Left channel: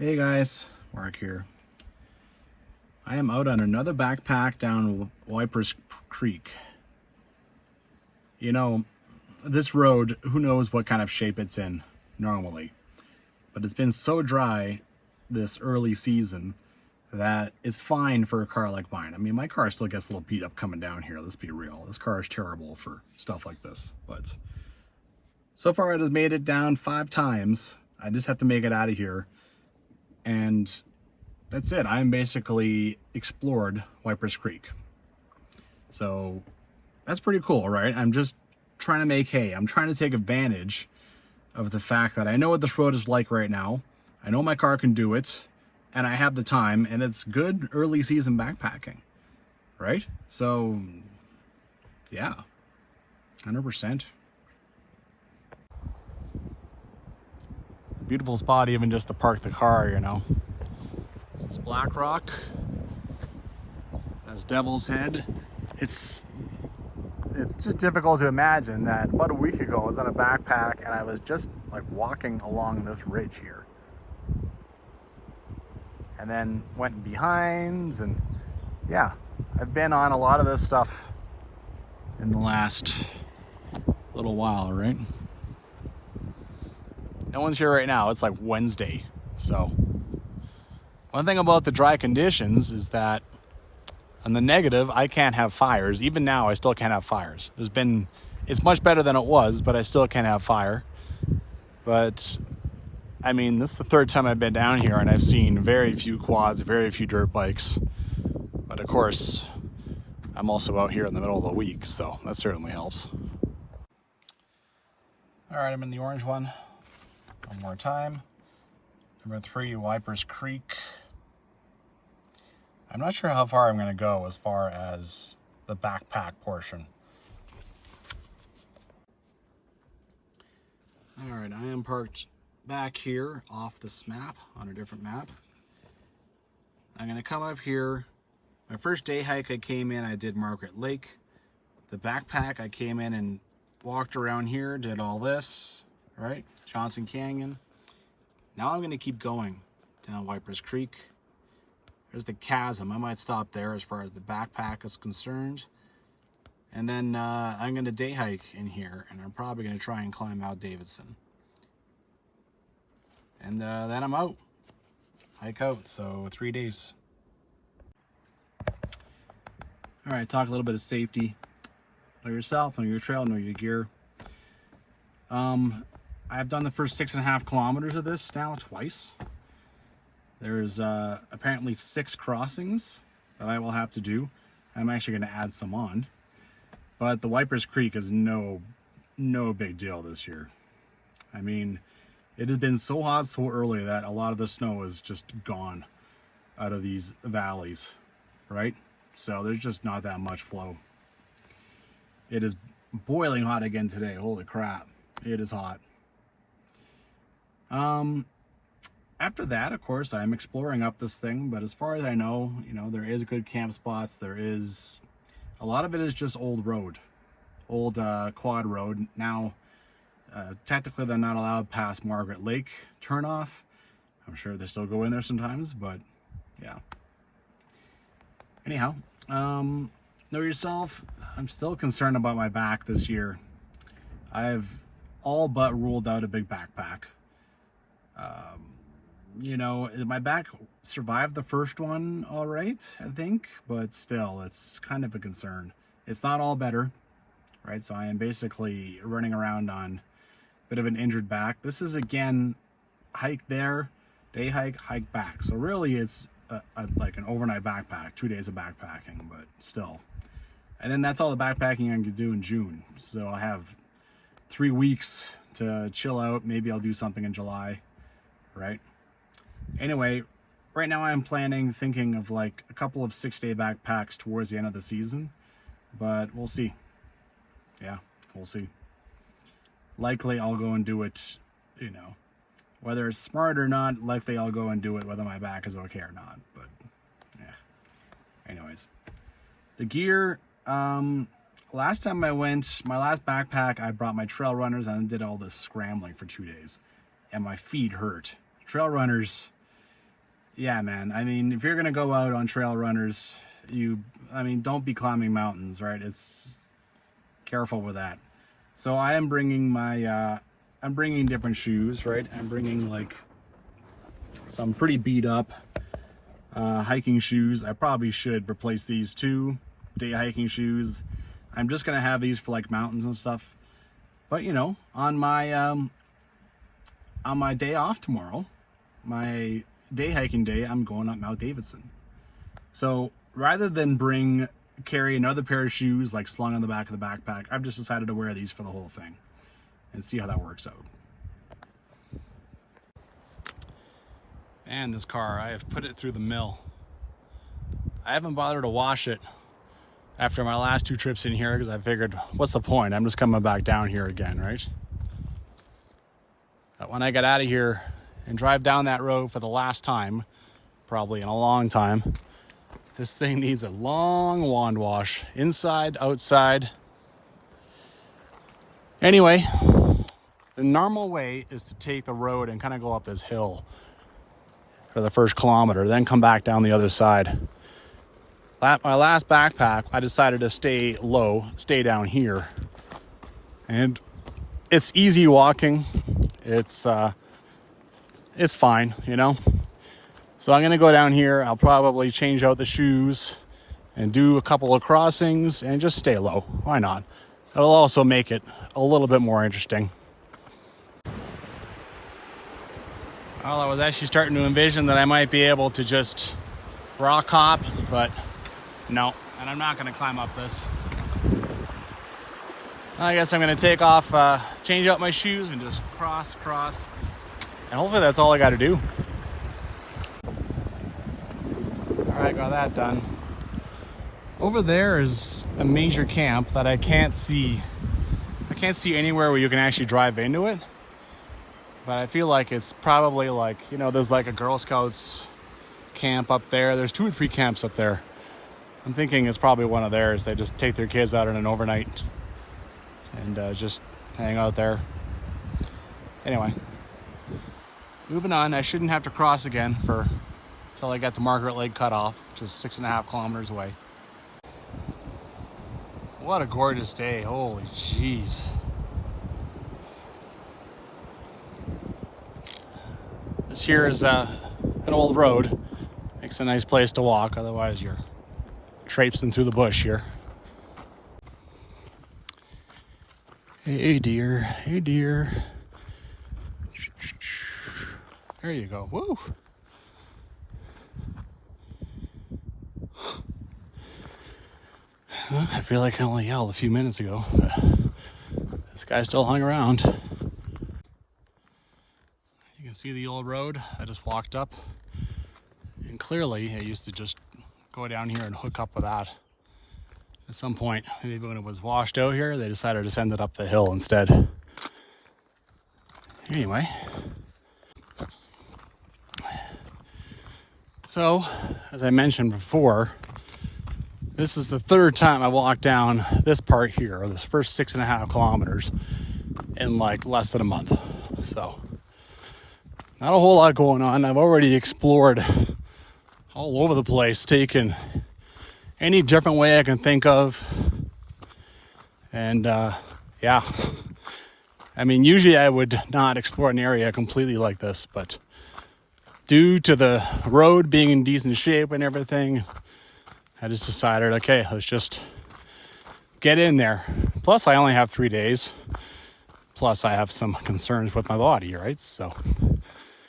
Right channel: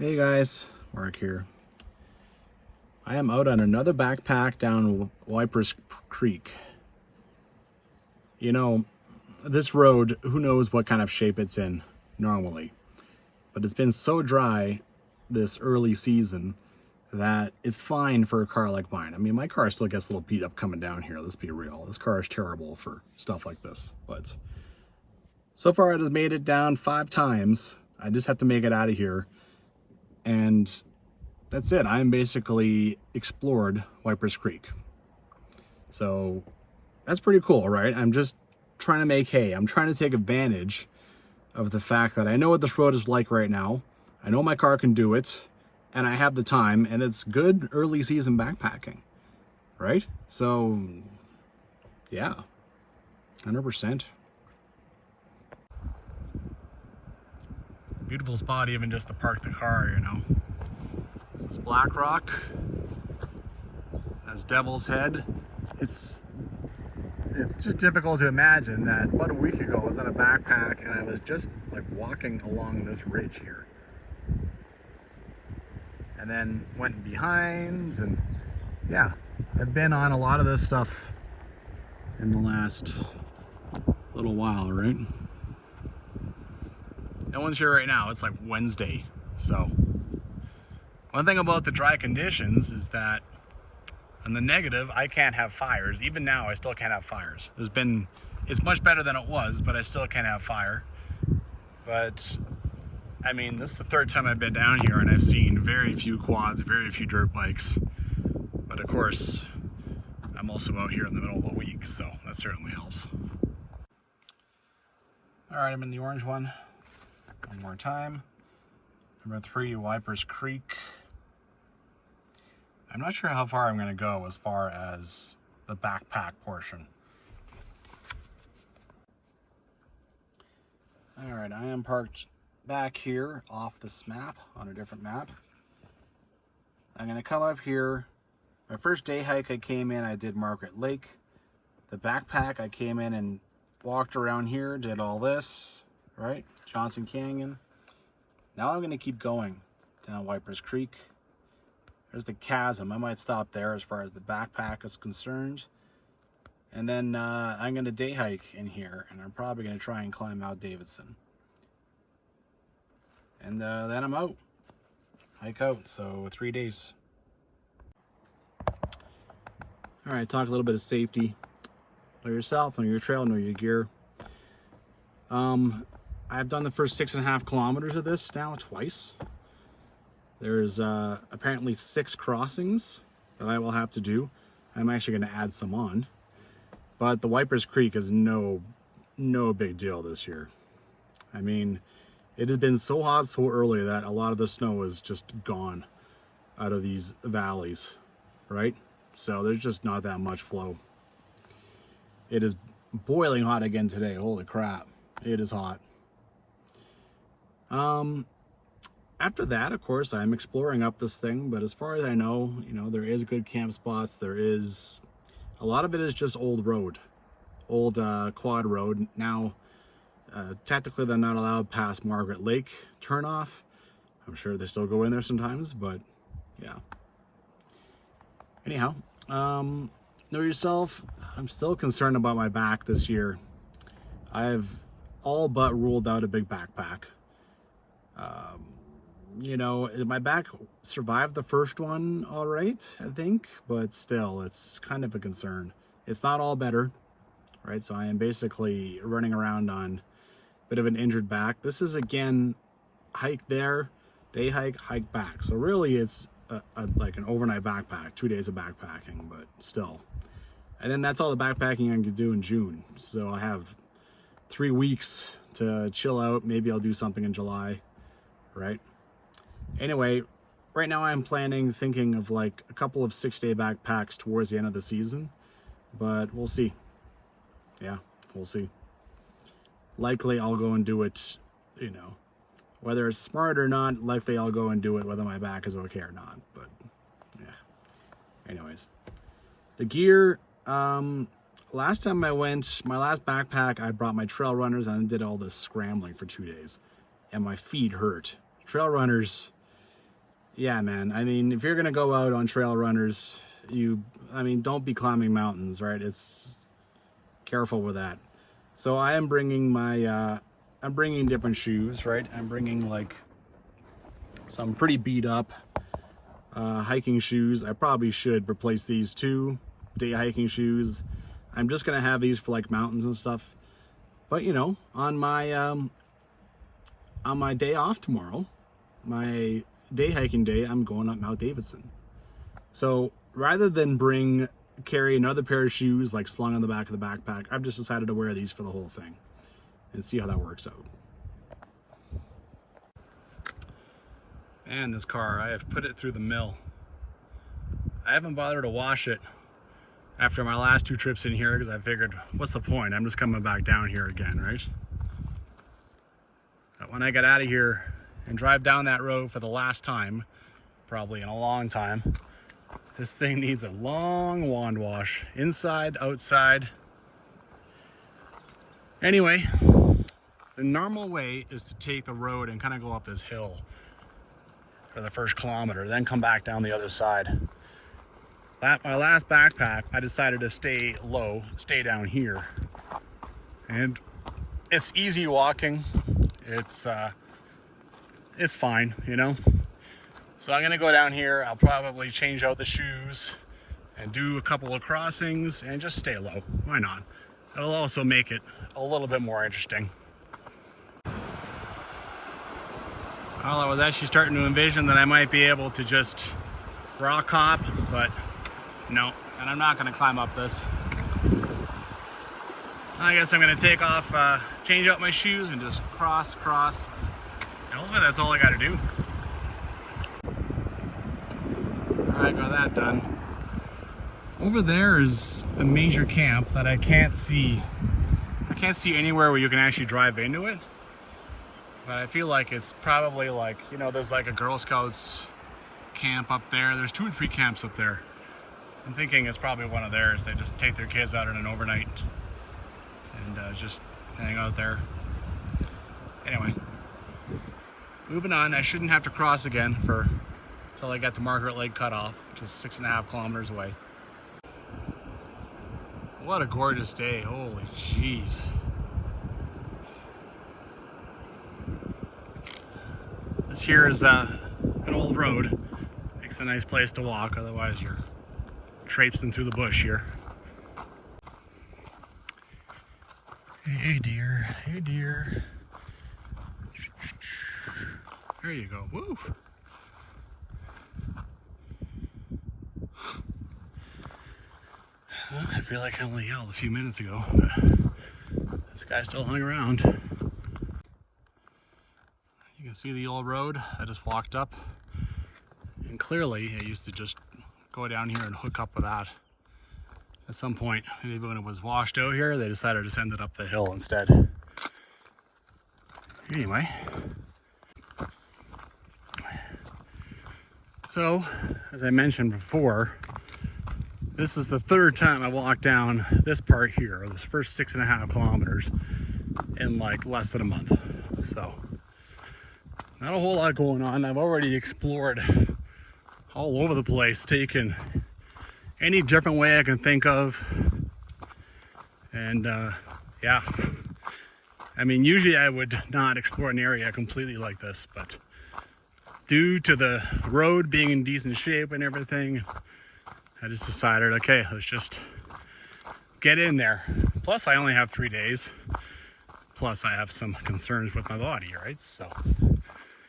Hey guys, Mark here. I am out on another backpack down Waiparous Creek. You know, this road, who knows what kind of shape it's in normally, but it's been so dry this early season that it's fine for a car like mine. I mean, my car still gets a little beat up coming down here, let's be real. This car is terrible for stuff like this, but so far it has made it down 5 times. I just have to make it out of here. And that's it. I'm basically explored Waiparous Creek. So that's pretty cool, right? I'm just trying to make hay. I'm trying to take advantage of the fact that I know what this road is like right now. I know my car can do it, and I have the time, and it's good early season backpacking, right? So yeah, 100%. Beautiful spot even just to park the car, you know. This is Black Rock. That's Devil's Head. It's just difficult to imagine that about a week ago I was on a backpack and I was just like walking along this ridge here. And then went in behinds, and yeah, I've been on a lot of this stuff in the last little while, right? No one's here right now. It's like Wednesday. So one thing about the dry conditions is that on the negative, I can't have fires. Even now, I still can't have fires. It's much better than it was, but I still can't have fire. But I mean, this is the 3rd time I've been down here and I've seen very few quads, very few dirt bikes. But of course, I'm also out here in the middle of the week, so that certainly helps. All right, I'm in the orange one. One more time. Number 3, Waiparous Creek. I'm not sure how far I'm going to go as far as the backpack portion. All right, I am parked back here off this map, on a different map. I'm going to come up here. My first day hike I came in, I did Margaret Lake. The backpack, I came in and walked around here, did all this, right? Johnson Canyon. Now I'm going to keep going down Waiparous Creek. There's the chasm. I might stop there as far as the backpack is concerned. And then I'm going to day hike in here, and I'm probably going to try and climb Mount Davidson. And then I'm out. Hike out. So 3 days. All right, talk a little bit of safety. Know yourself, know your trail, know your gear. I've done the first 6.5 kilometers of this now twice. There's apparently 6 crossings that I will have to do. I'm actually going to add some on. But the Waiparous Creek is no big deal this year. I mean, it has been so hot so early that a lot of the snow is just gone out of these valleys, right? So there's just not that much flow. It is boiling hot again today. Holy crap. It is hot. After that, of course, I'm exploring up this thing, but as far as I know, you know, there is good camp spots. There is, a lot of it is just old road, old quad road. Now, technically they're not allowed past Margaret Lake turnoff. I'm sure they still go in there sometimes, but yeah. Anyhow, know yourself. I'm still concerned about my back this year. I've all but ruled out a big backpack. You know, my back survived the first one all right, I think, but still, it's kind of a concern. It's not all better, right? So I am basically running around on a bit of an injured back. This is, again, hike there, day hike, hike back. So really, it's like an overnight backpack, 2 days of backpacking, but still. And then that's all the backpacking I can do in June. So I have 3 weeks to chill out. Maybe I'll do something in July, right? Anyway, right now I'm thinking of like a couple of 6-day backpacks towards the end of the season, but we'll see. Yeah, we'll see. Likely I'll go and do it, you know, whether it's smart or not, likely I'll go and do it whether my back is okay or not, but yeah. Anyways, the gear, last time I went, my last backpack, I brought my trail runners and I did all this scrambling for 2 days and my feet hurt. Trail runners, yeah, man. I mean, if you're gonna go out on trail runners, don't be climbing mountains, right? It's careful with that. So I am bringing I'm bringing different shoes, right? I'm bringing like some pretty beat up hiking shoes. I probably should replace these two day hiking shoes. I'm just gonna have these for like mountains and stuff. But you know, on my day off tomorrow, my day hiking day, I'm going up Mount Davidson. So rather than carry another pair of shoes like slung on the back of the backpack, I've just decided to wear these for the whole thing and see how that works out. And this car, I have put it through the mill. I haven't bothered to wash it after my last 2 trips in here because I figured, what's the point? I'm just coming back down here again, right? But when I get out of here and drive down that road for the last time, probably in a long time, this thing needs a long wand wash, inside, outside. Anyway, the normal way is to take the road and kind of go up this hill for the first kilometer, then come back down the other side. My last backpack, I decided to stay low, stay down here. And it's easy walking. It's fine, you know? So I'm gonna go down here. I'll probably change out the shoes and do a couple of crossings and just stay low. Why not? It'll also make it a little bit more interesting. Well, I was actually starting to envision that I might be able to just rock hop, but no, and I'm not gonna climb up this. I guess I'm gonna take off, change out my shoes and just cross, and hopefully that's all I gotta do. All right, got that done. Over there is a major camp that I can't see. I can't see anywhere where you can actually drive into it. But I feel like it's probably like, you know, there's like a Girl Scouts camp up there. There's 2 or 3 camps up there. I'm thinking it's probably one of theirs. They just take their kids out on an overnight and just hang out there. Anyway, moving on. I shouldn't have to cross again until I get to Margaret Lake Cutoff, which is 6.5 kilometers away. What a gorgeous day. Holy jeez. This here is an old road. Makes a nice place to walk, otherwise you're traipsing through the bush here. Hey dear, hey dear. There you go. Woo! Well, I feel like I only yelled a few minutes ago, but this guy still hung around. You can see the old road I just walked up, and clearly I used to just go down here and hook up with that. At some point, maybe when it was washed out here, they decided to send it up the hill instead. Anyway, so as I mentioned before, this is the 3rd time I walked down this part here, or this first 6.5 kilometers, in like less than a month. So not a whole lot going on. I've already explored all over the place, taken any different way I can think of. And yeah, I mean, usually I would not explore an area completely like this, but due to the road being in decent shape and everything, I just decided, okay, let's just get in there. Plus I only have 3 days. Plus I have some concerns with my body, right? So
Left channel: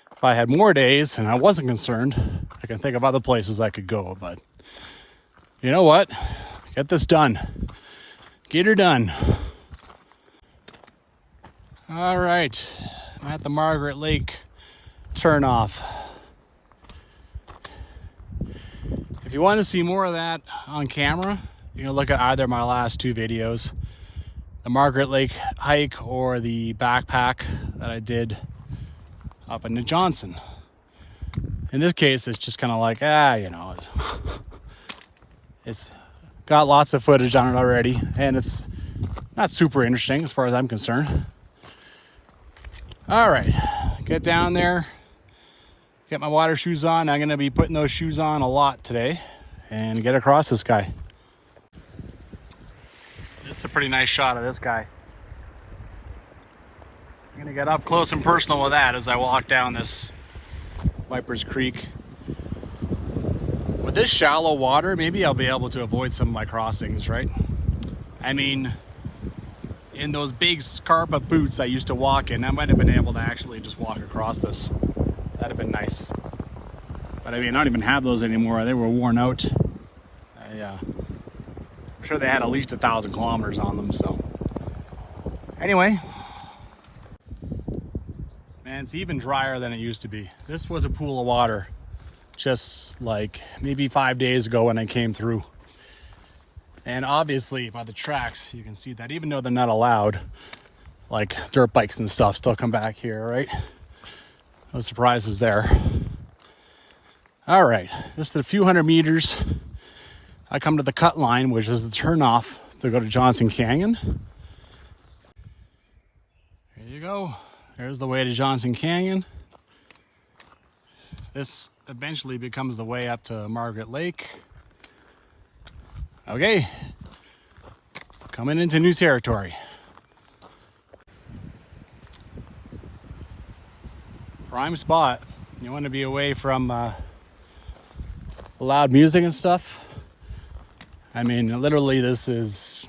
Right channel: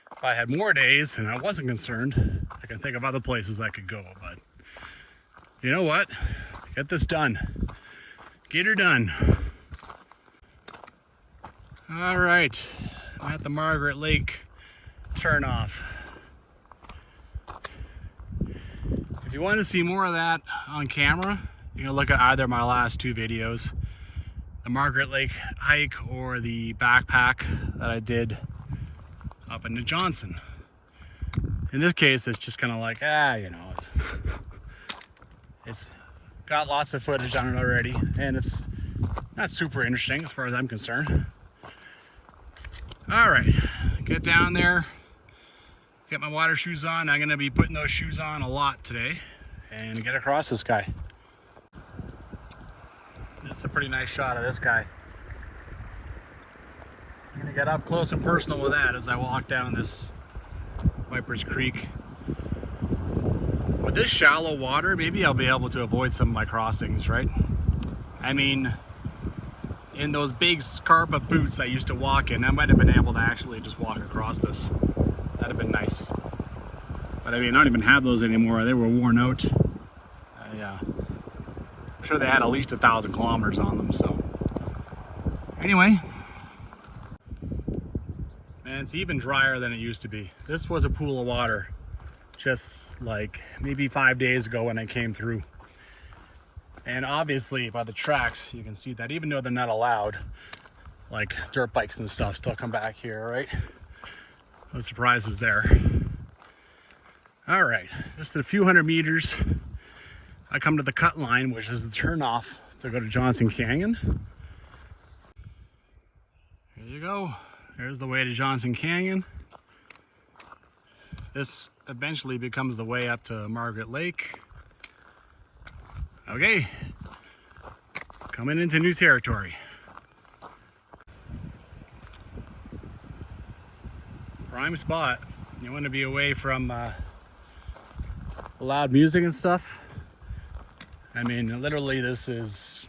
if I had more days and I wasn't concerned, I can think of other places I could go. But you know what? Get this done. Get her done. All right, I'm at the Margaret Lake turnoff. If you want to see more of that on camera, you can look at either of my last 2 videos, the Margaret Lake hike or the backpack that I did up into Johnson. In this case, it's just kind of like, you know, it's got lots of footage on it already, and it's not super interesting as far as I'm concerned. All right, get down there, Get my water shoes on. I'm gonna be putting those shoes on a lot today and get across this guy. This is a pretty nice shot of this guy. I'm gonna get up close and personal with that as I walk down this Waiparous Creek. With this shallow water, maybe I'll be able to avoid some of my crossings, right? I mean, in those big Scarpa boots I used to walk in, I might have been able to actually just walk across this. That'd have been nice. But I mean, I don't even have those anymore. They were worn out. I'm sure they had at least 1,000 kilometers on them, so. Anyway. Man, it's even drier than it used to be. This was a pool of water just like maybe 5 days ago when I came through. And obviously by the tracks, you can see that even though they're not allowed, like dirt bikes and stuff still come back here, right? No surprises there. All right, just a few hundred meters, I come to the cut line, which is the turnoff to go to Johnson Canyon. There you go. There's the way to Johnson Canyon. This eventually becomes the way up to Margaret Lake. Okay, coming into new territory. Prime spot. You want to be away from loud music and stuff. I mean, literally this is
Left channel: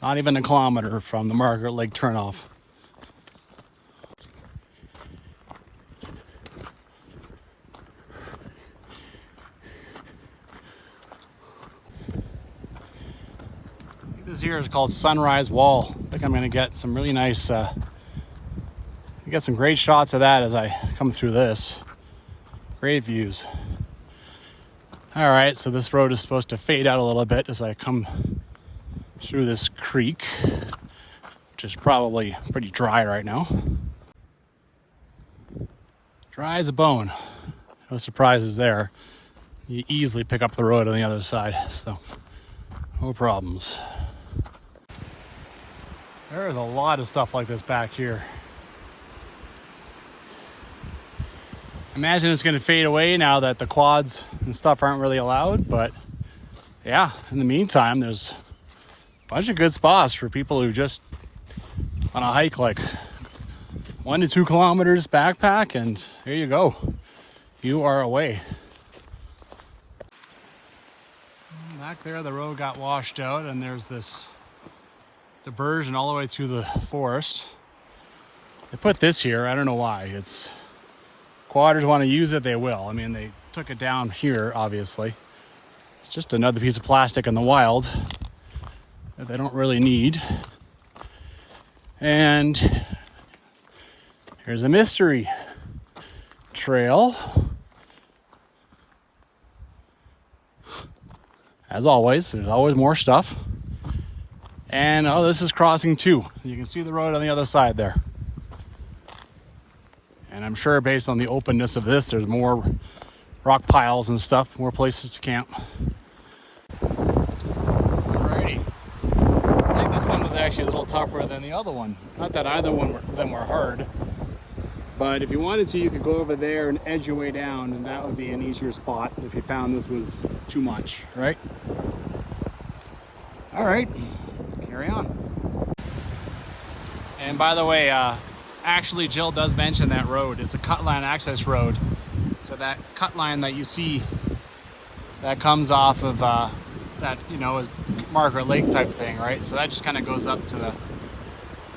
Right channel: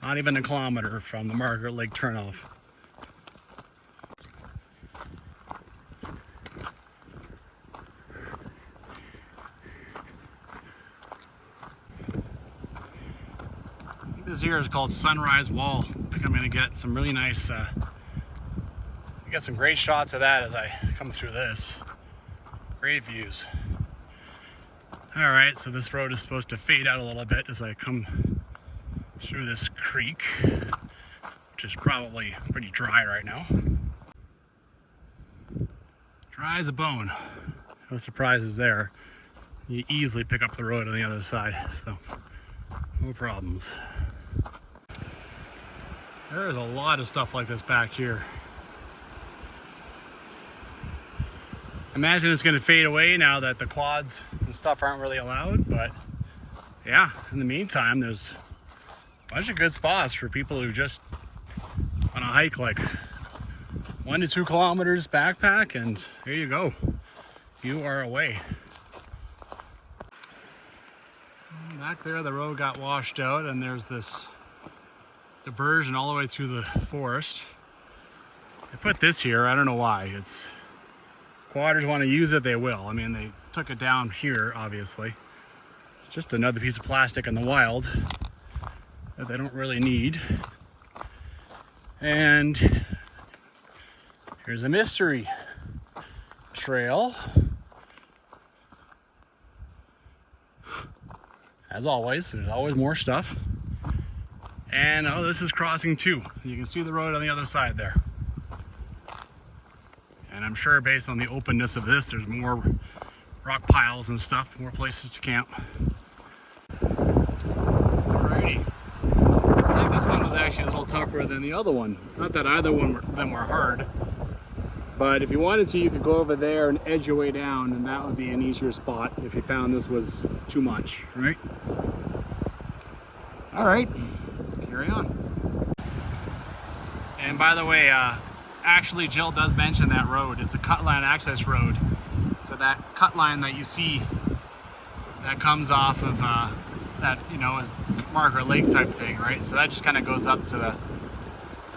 not even a kilometer from the Margaret Lake turnoff. This here is called Sunrise Wall. I think I'm going to get some really nice, get some great shots of that as I come through this. Great views. All right, so this road is supposed to fade out a little bit as I come through this creek, which is probably pretty dry right now. Dry as a bone. No surprises there. You easily pick up the road on the other side, so no problems. There is a lot of stuff like this back here. Imagine it's going to fade away now that the quads and stuff aren't really allowed, but yeah, in the meantime, there's a bunch of good spots for people who just want to hike like 1 to 2 kilometers backpack, and there you go. You are away. Back there, the road got washed out, and there's this diversion all the way through the forest. They put this here, I don't know why. It's quadders want to use it, they will. I mean, they took it down here, obviously. It's just another piece of plastic in the wild that they don't really need. And here's a mystery trail. As always, there's always more stuff. And oh, this is crossing 2. You can see the road on the other side there. And I'm sure based on the openness of this, there's more rock piles and stuff, more places to camp. Alrighty. I think this one was actually a little tougher than the other one. Not that either one of them were hard, but if you wanted to, you could go over there and edge your way down, and that would be an easier spot if you found this was too much, right? All right, carry on. And by the way, actually Jill does mention that road. It's a cut line access road. So that cut line that you see that comes off of that, you know, is Margaret Lake type thing, right? So that just kind of goes up to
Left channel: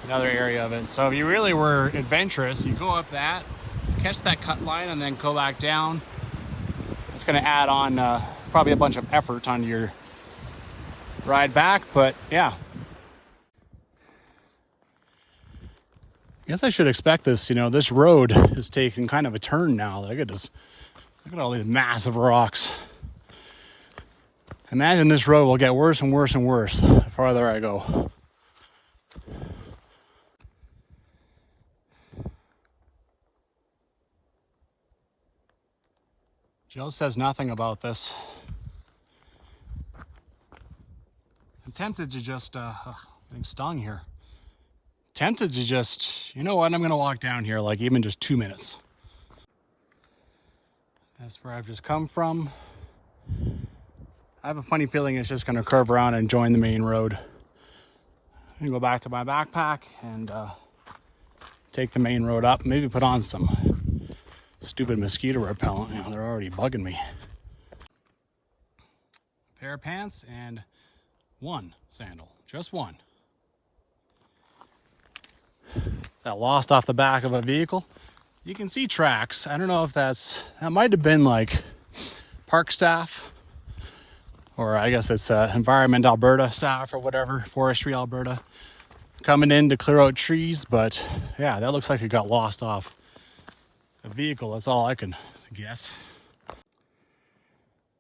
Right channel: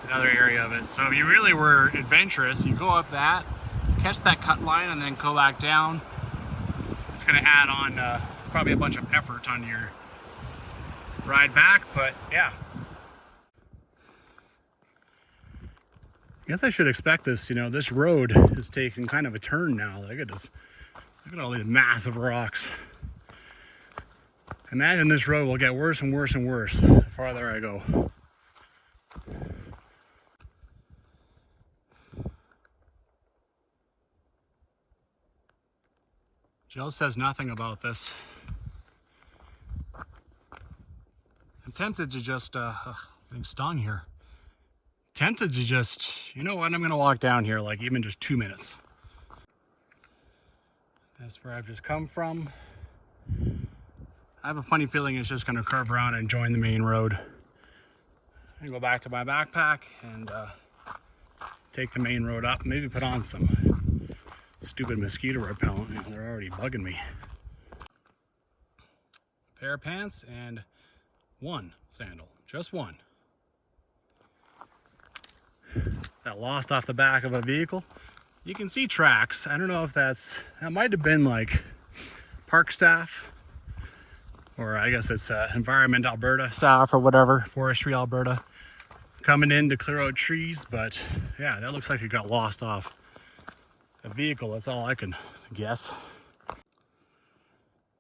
another area of it. So if you really were adventurous, you go up that, catch that cut line, and then go back down. It's going to add on probably a bunch of effort onto your ride back, but yeah. I guess I should expect this, you know, this road is taking kind of a turn now. Look at this. Look at all these massive rocks. Imagine this road will get worse and worse and worse the farther I go. Jill says nothing about this. I'm tempted to just, getting stung here. Tempted to just, you know what, I'm gonna walk down here like even just 2 minutes. That's where I've just come from. I have a funny feeling it's just going to curve around and join the main road. I'm going to go back to my backpack and take the main road up. Maybe put on some stupid mosquito repellent. You know, they're already bugging me. A pair of pants and one sandal. Just one. That lost off the back of a vehicle. You can see tracks. I don't know if that might have been like park staff, or I guess it's Environment Alberta staff or whatever, Forestry Alberta, coming in to clear out trees. But yeah, that looks like it got lost off a vehicle. That's all I can guess.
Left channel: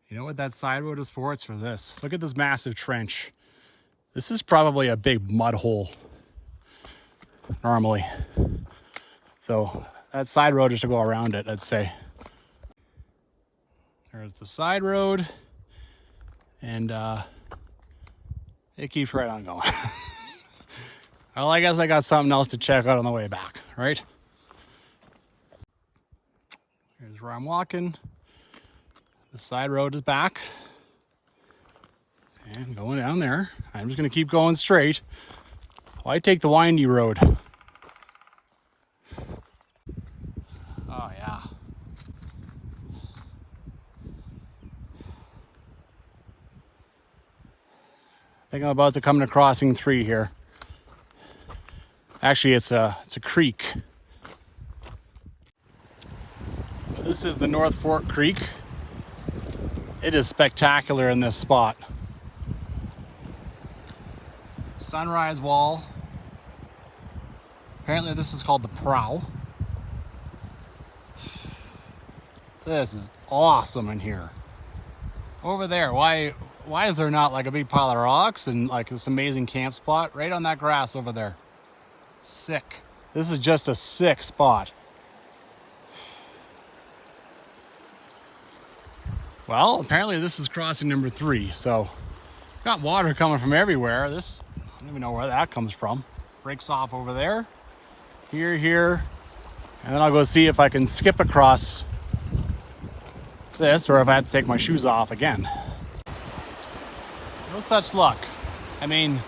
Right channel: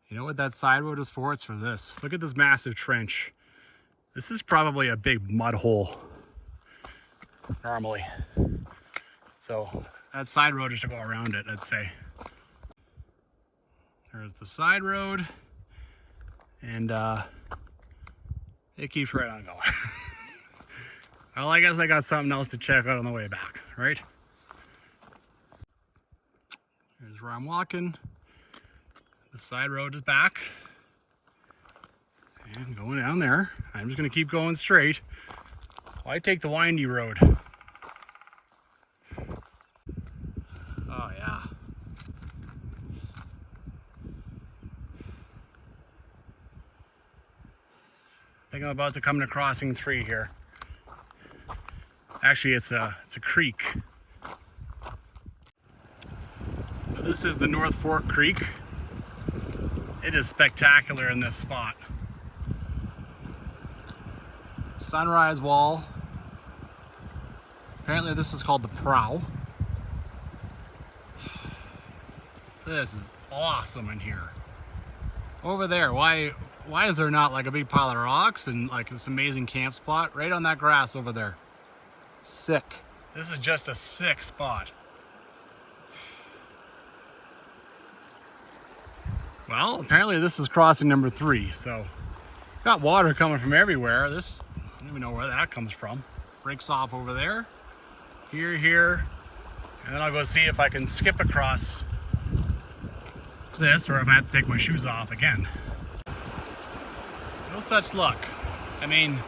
You know what that side road is for? It's for this. Look at this massive trench. This is probably a big mud hole normally. So that side road is to go around it, I'd say. There's the side road, and it keeps right on going. Well, I guess I got something else to check out on the way back, right? Here's where I'm walking. The side road is back. And going down there. I'm just gonna keep going straight. Well, I take the windy road. Oh yeah. I think I'm about to come to crossing 3 here. Actually, it's a creek. So this is the North Fork Creek. It is spectacular in this spot. Sunrise wall. Apparently this is called the Prow. This is awesome in here. Over there, why is there not like a big pile of rocks and like this amazing camp spot right on that grass over there? Sick. This is just a sick spot. Well, apparently this is crossing number 3, so got water coming from everywhere. This, I don't even know where that comes from. Breaks off over there, here, and then I'll go see if I can skip across this or if I have to take my shoes off again. No such luck. I mean,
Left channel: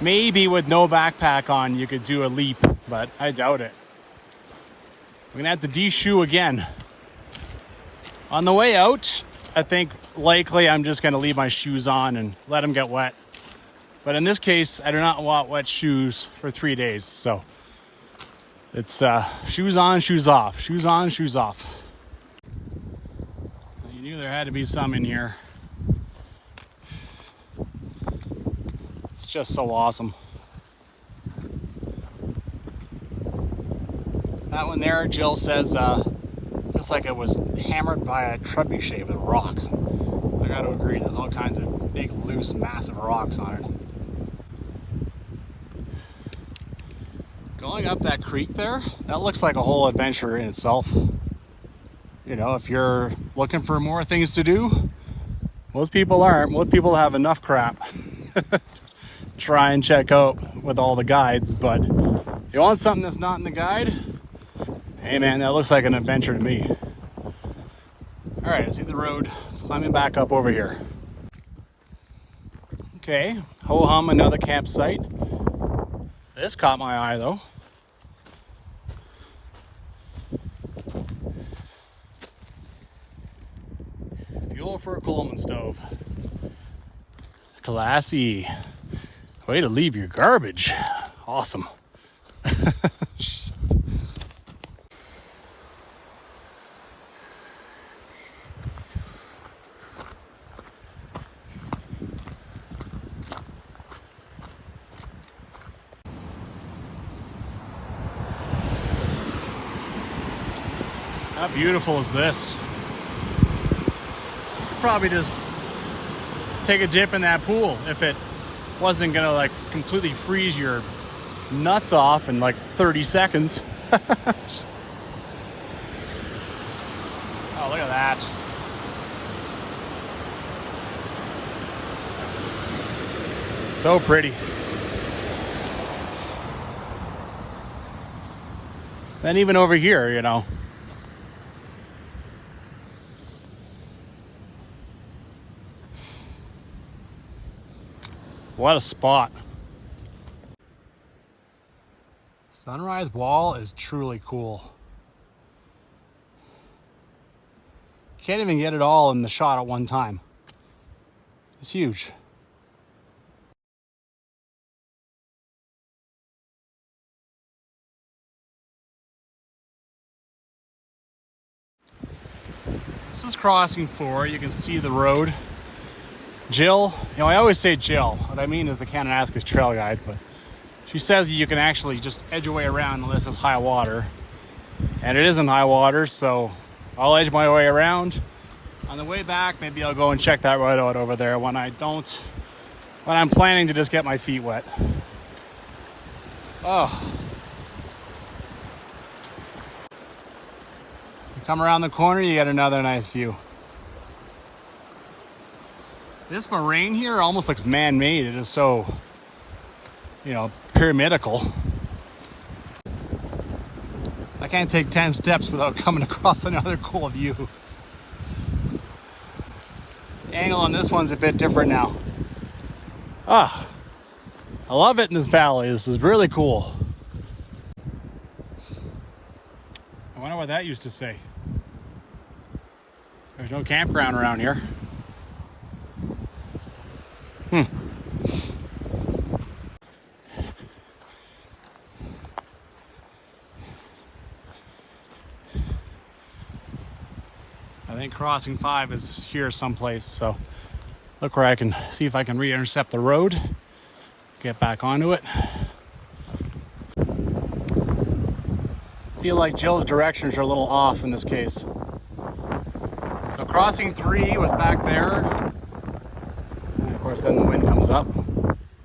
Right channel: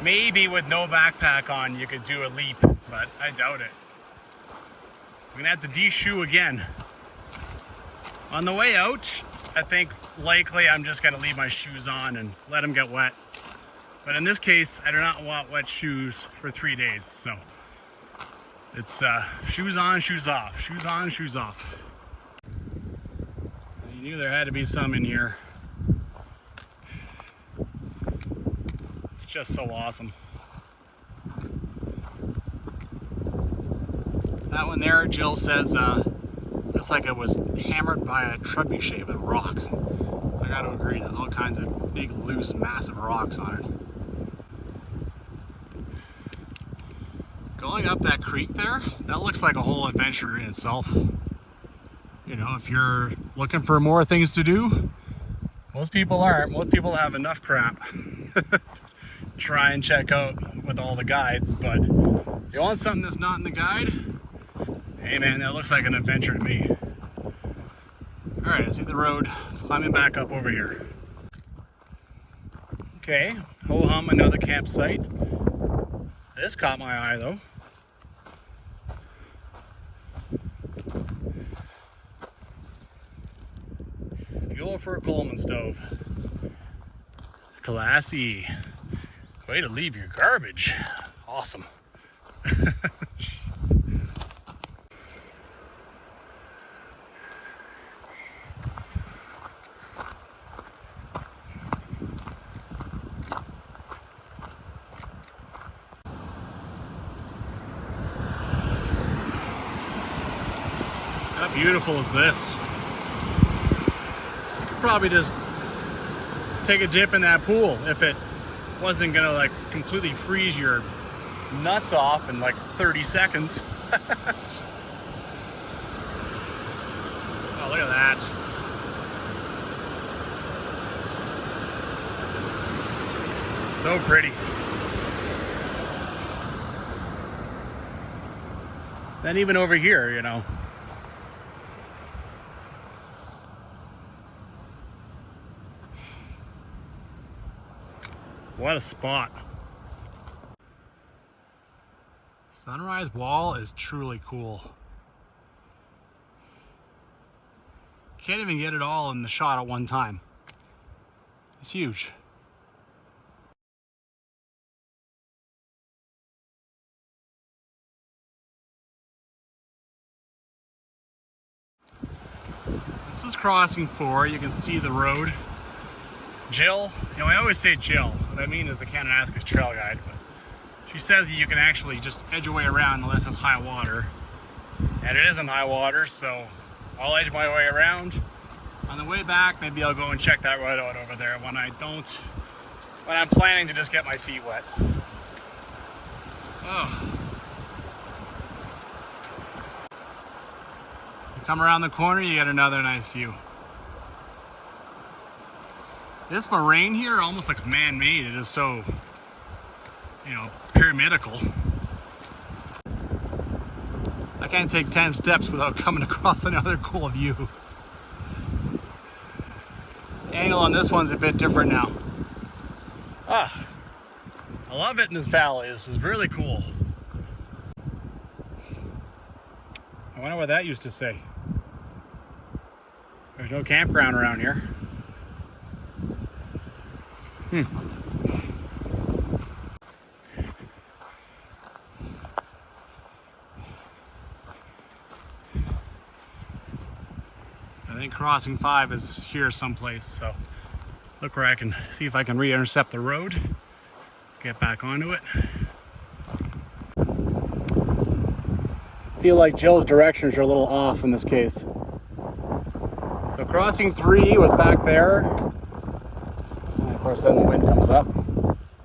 maybe with no backpack on you could do a leap, but I doubt it. I'm gonna have to de-shoe again. On the way out, I think likely I'm just gonna leave my shoes on and let them get wet. But in this case, I do not want wet shoes for 3 days. So it's shoes on, shoes off, shoes on, shoes off. You knew there had to be some in here. It's just so awesome. That one there, Jill says, looks like it was hammered by a trebuchet with rocks. I gotta agree, there's all kinds of big, loose, massive rocks on it. Going up that creek there, that looks like a whole adventure in itself. You know, if you're looking for more things to do, most people aren't. Most people have enough crap to try and check out with all the guides, but if you want something that's not in the guide, hey man, that looks like an adventure to me. All right, I see the road, climbing back up over here. Okay, ho-hum, another campsite. This caught my eye though. Fuel for a Coleman stove. Classy. Way to leave your garbage. Awesome. How beautiful is this? You could probably just take a dip in that pool if it wasn't gonna like completely freeze your nuts off in like 30 seconds. Oh, look at that. So pretty. Then even over here, you know, What a spot. Sunrise wall is truly cool. Can't even get it all in the shot at one time. It's huge. This is crossing 4. You can see the road. Jill, I always say Jill. What I mean is the Kananaskis Trail guide, but she says you can actually just edge your way around unless it's high water. And it isn't high water, so I'll edge my way around. On the way back, maybe I'll go and check that road out over there when I'm planning to just get my feet wet. Oh. You come around the corner, you get another nice view. This moraine here almost looks man-made. It is so, pyramidical. I can't take 10 steps without coming across another cool view. The angle on this one's a bit different now. Ah, I love it in this valley. This is really cool. I wonder what that used to say. There's no campground around here. I think crossing 5 is here someplace, so look where I can see if I can re-intercept the road, get back onto it. Feel like Jill's directions are a little off in this case. So crossing 3 was back there, and of course then the wind comes up.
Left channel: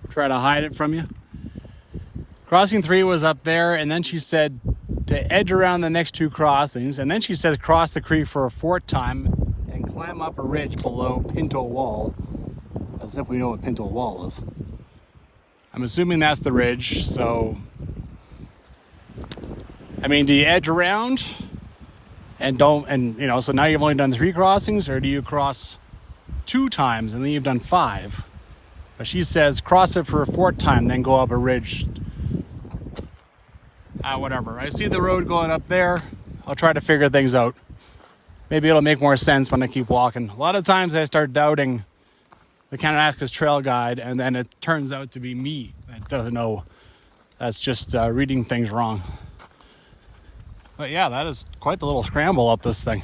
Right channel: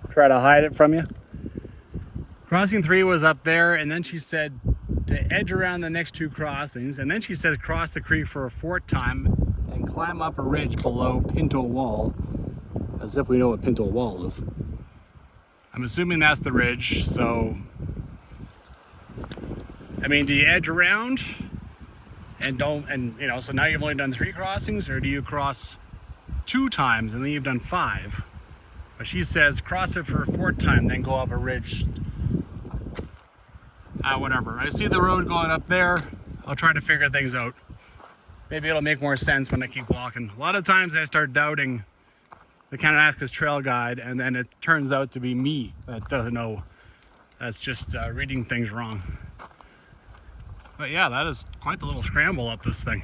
Try to hide it from you. Crossing 3 was up there, and then she said to edge around the next 2 crossings, and then she says cross the creek for a 4th time and climb up a ridge below Pinto Wall, as if we know what Pinto Wall is. I'm assuming that's the ridge. So I mean, do you edge around and so now you've only done 3 crossings, or do you cross 2 times and then you've done 5? But she says cross it for a 4th time, then go up a ridge. Whatever. I see the road going up there. I'll try to figure things out. Maybe it'll make more sense when I keep walking. A lot of times I start doubting the Kananaskis Trail guide, and then it turns out to be me that doesn't know. That's just reading things wrong. But yeah, that is quite the little scramble up this thing.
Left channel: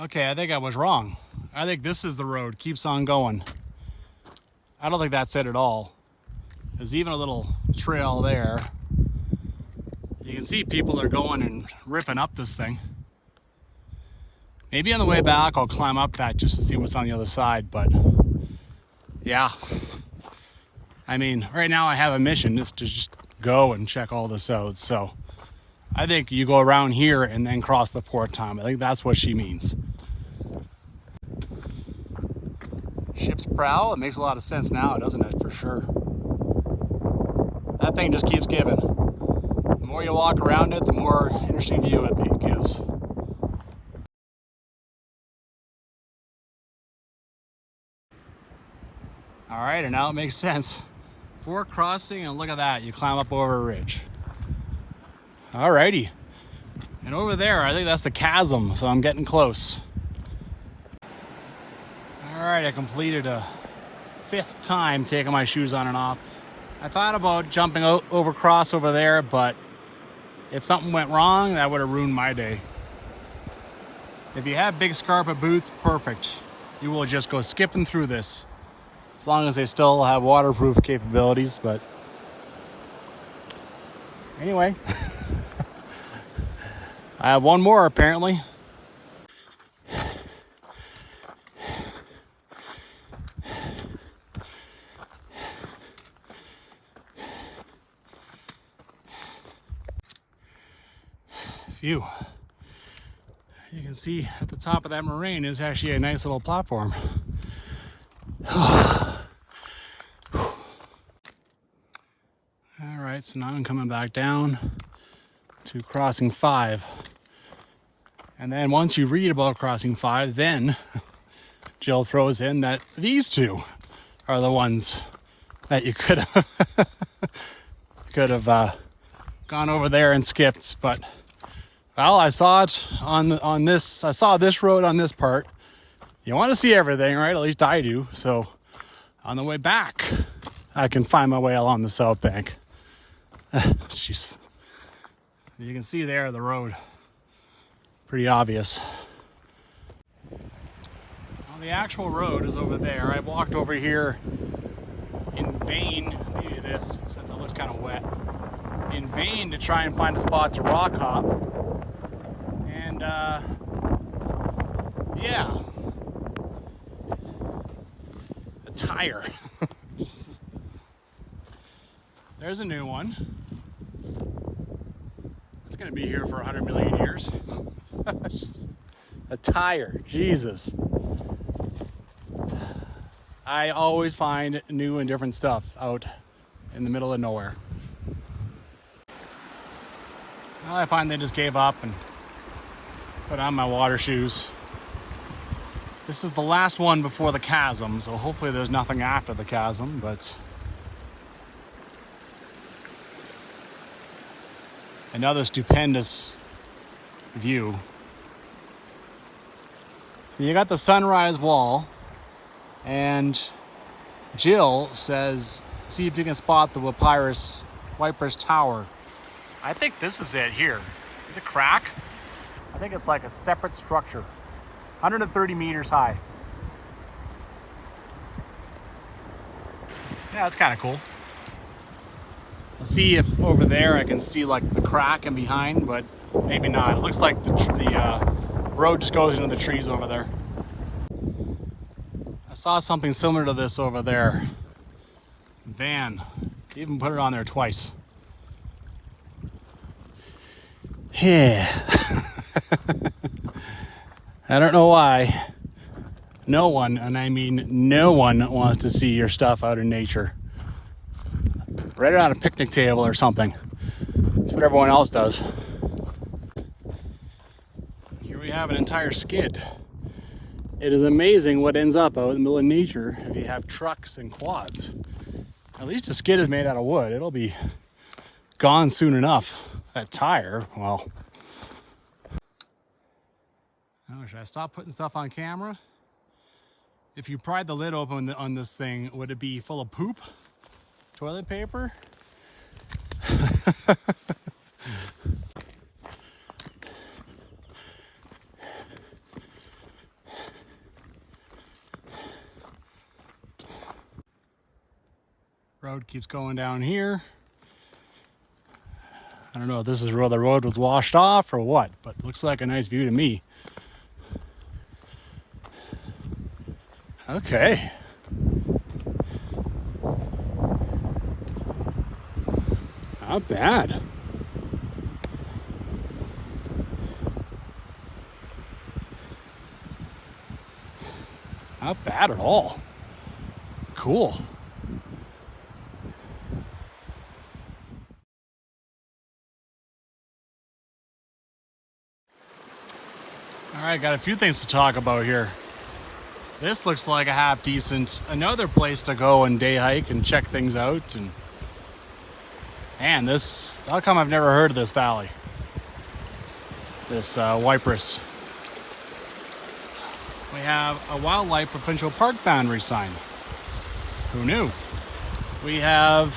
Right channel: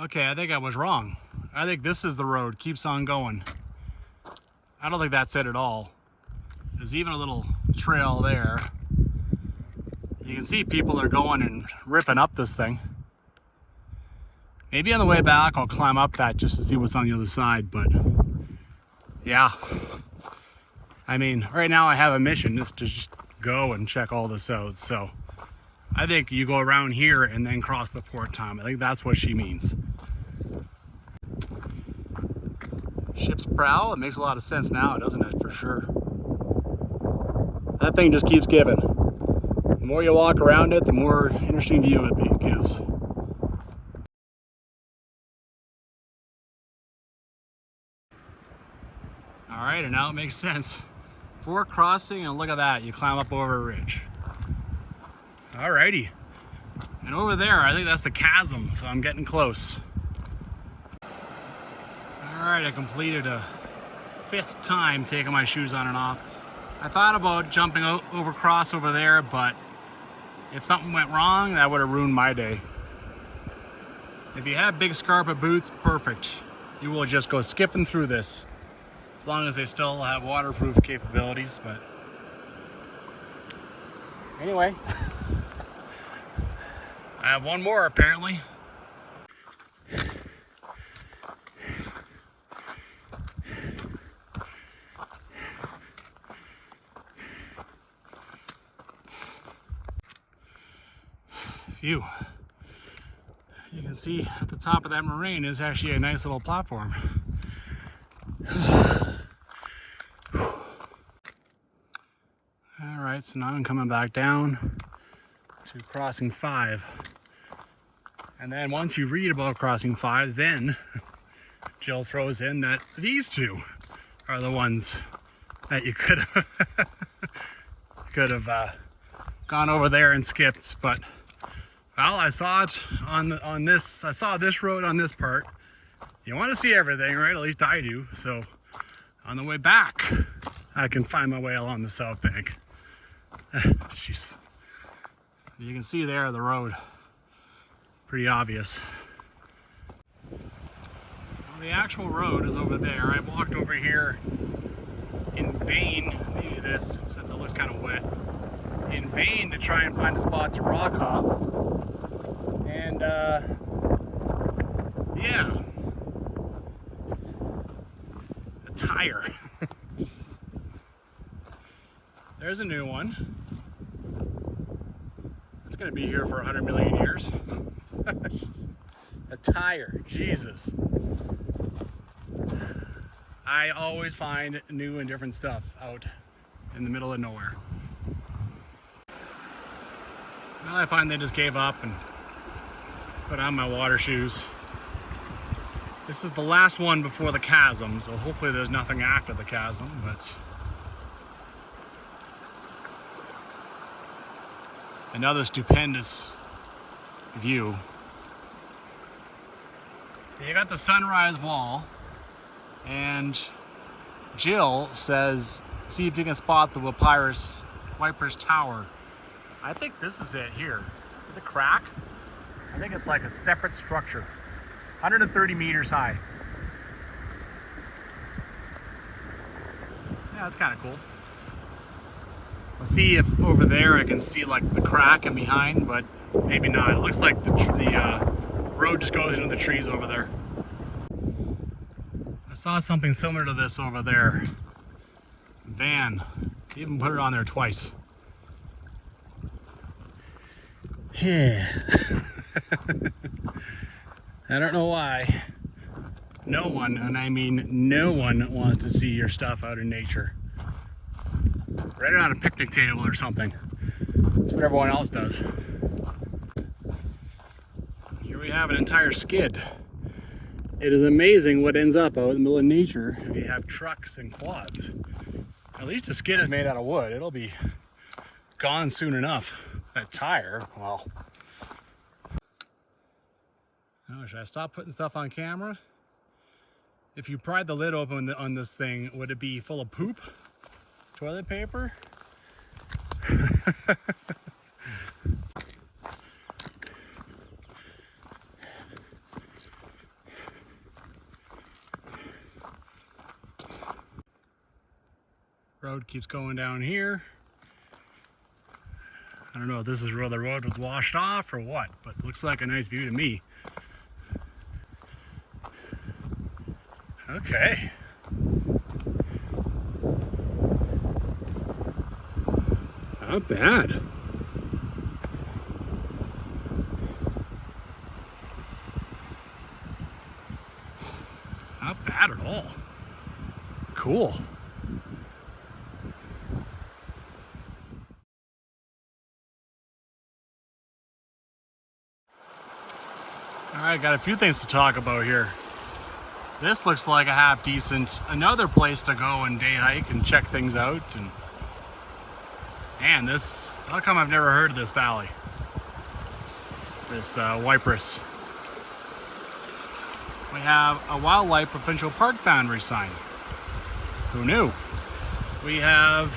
Okay, I think I was wrong. I think this is the road, keeps on going. I don't think that's it at all. There's even a little trail there. You can see people are going and ripping up this thing. Maybe on the way back I'll climb up that just to see what's on the other side, but yeah. I mean, right now I have a mission just to go and check all this out. So I think you go around here and then cross the 4th time. I think that's what she means. Ship's prow, it makes a lot of sense now, doesn't it? For sure. That thing just keeps giving. The more you walk around it, the more interesting view it gives. All right, and now it makes sense. 4 crossing, and look at that, you climb up over a ridge. All righty. And over there, I think that's the chasm, so I'm getting close. All right, I completed a 5th time taking my shoes on and off. I thought about jumping over cross over there, but if something went wrong, that would have ruined my day. If you have big Scarpa boots, perfect. You will just go skipping through this, as long as they still have waterproof capabilities. But anyway, I have one more apparently. Phew. You can see at the top of that moraine is actually a nice little platform. All right, so now I'm coming back down to crossing 5. And then once you read about crossing 5, then Jill throws in that these 2 are the ones that you could have gone over there and skipped. But well, I saw it on this. I saw this road on this part. You want to see everything, right? At least I do. So on the way back, I can find my way along the south bank. Jeez. You can see there the road. Pretty obvious. Well, the actual road is over there. I walked over here in vain. Maybe this, except it looks kind of wet. In vain to try and find a spot to rock hop. And yeah. A tire. There's a new one. It's gonna be here for 100 million years. A tire, Jesus. I always find new and different stuff out in the middle of nowhere. Well, I find they just gave up and put on my water shoes. This is the last one before the chasm, so hopefully there's nothing after the chasm, but another stupendous view. So you got the sunrise wall, and Jill says, see if you can spot the Waiparous Tower. I think this is it here. See the crack? I think it's like a separate structure. 130 meters high. Yeah, that's kind of cool. I'll see if over there I can see like the crack in behind, but maybe not. It looks like the road just goes into the trees over there. I saw something similar to this over there. Van. They even put it on there twice. Yeah. I don't know why. No one, and I mean no one, wants to see your stuff out in nature. Right around a picnic table or something. That's what everyone else does. Here we have an entire skid. It is amazing what ends up out in the middle of nature if you have trucks and quads. At least a skid is made out of wood. It'll be gone soon enough. That tire, well. Oh, should I stop putting stuff on camera? If you pried the lid open on this thing, would it be full of poop? Toilet paper? Road keeps going down here. I don't know if this is where the road was washed off or what, but it looks like a nice view to me. Okay. Not bad. Not bad at all. Cool. All right, got a few things to talk about here. This looks like a half decent, another place to go and day hike and check things out. And man, this, how come I've never heard of this valley? This Waiparous. We have a wildlife provincial park boundary sign. Who knew? We have,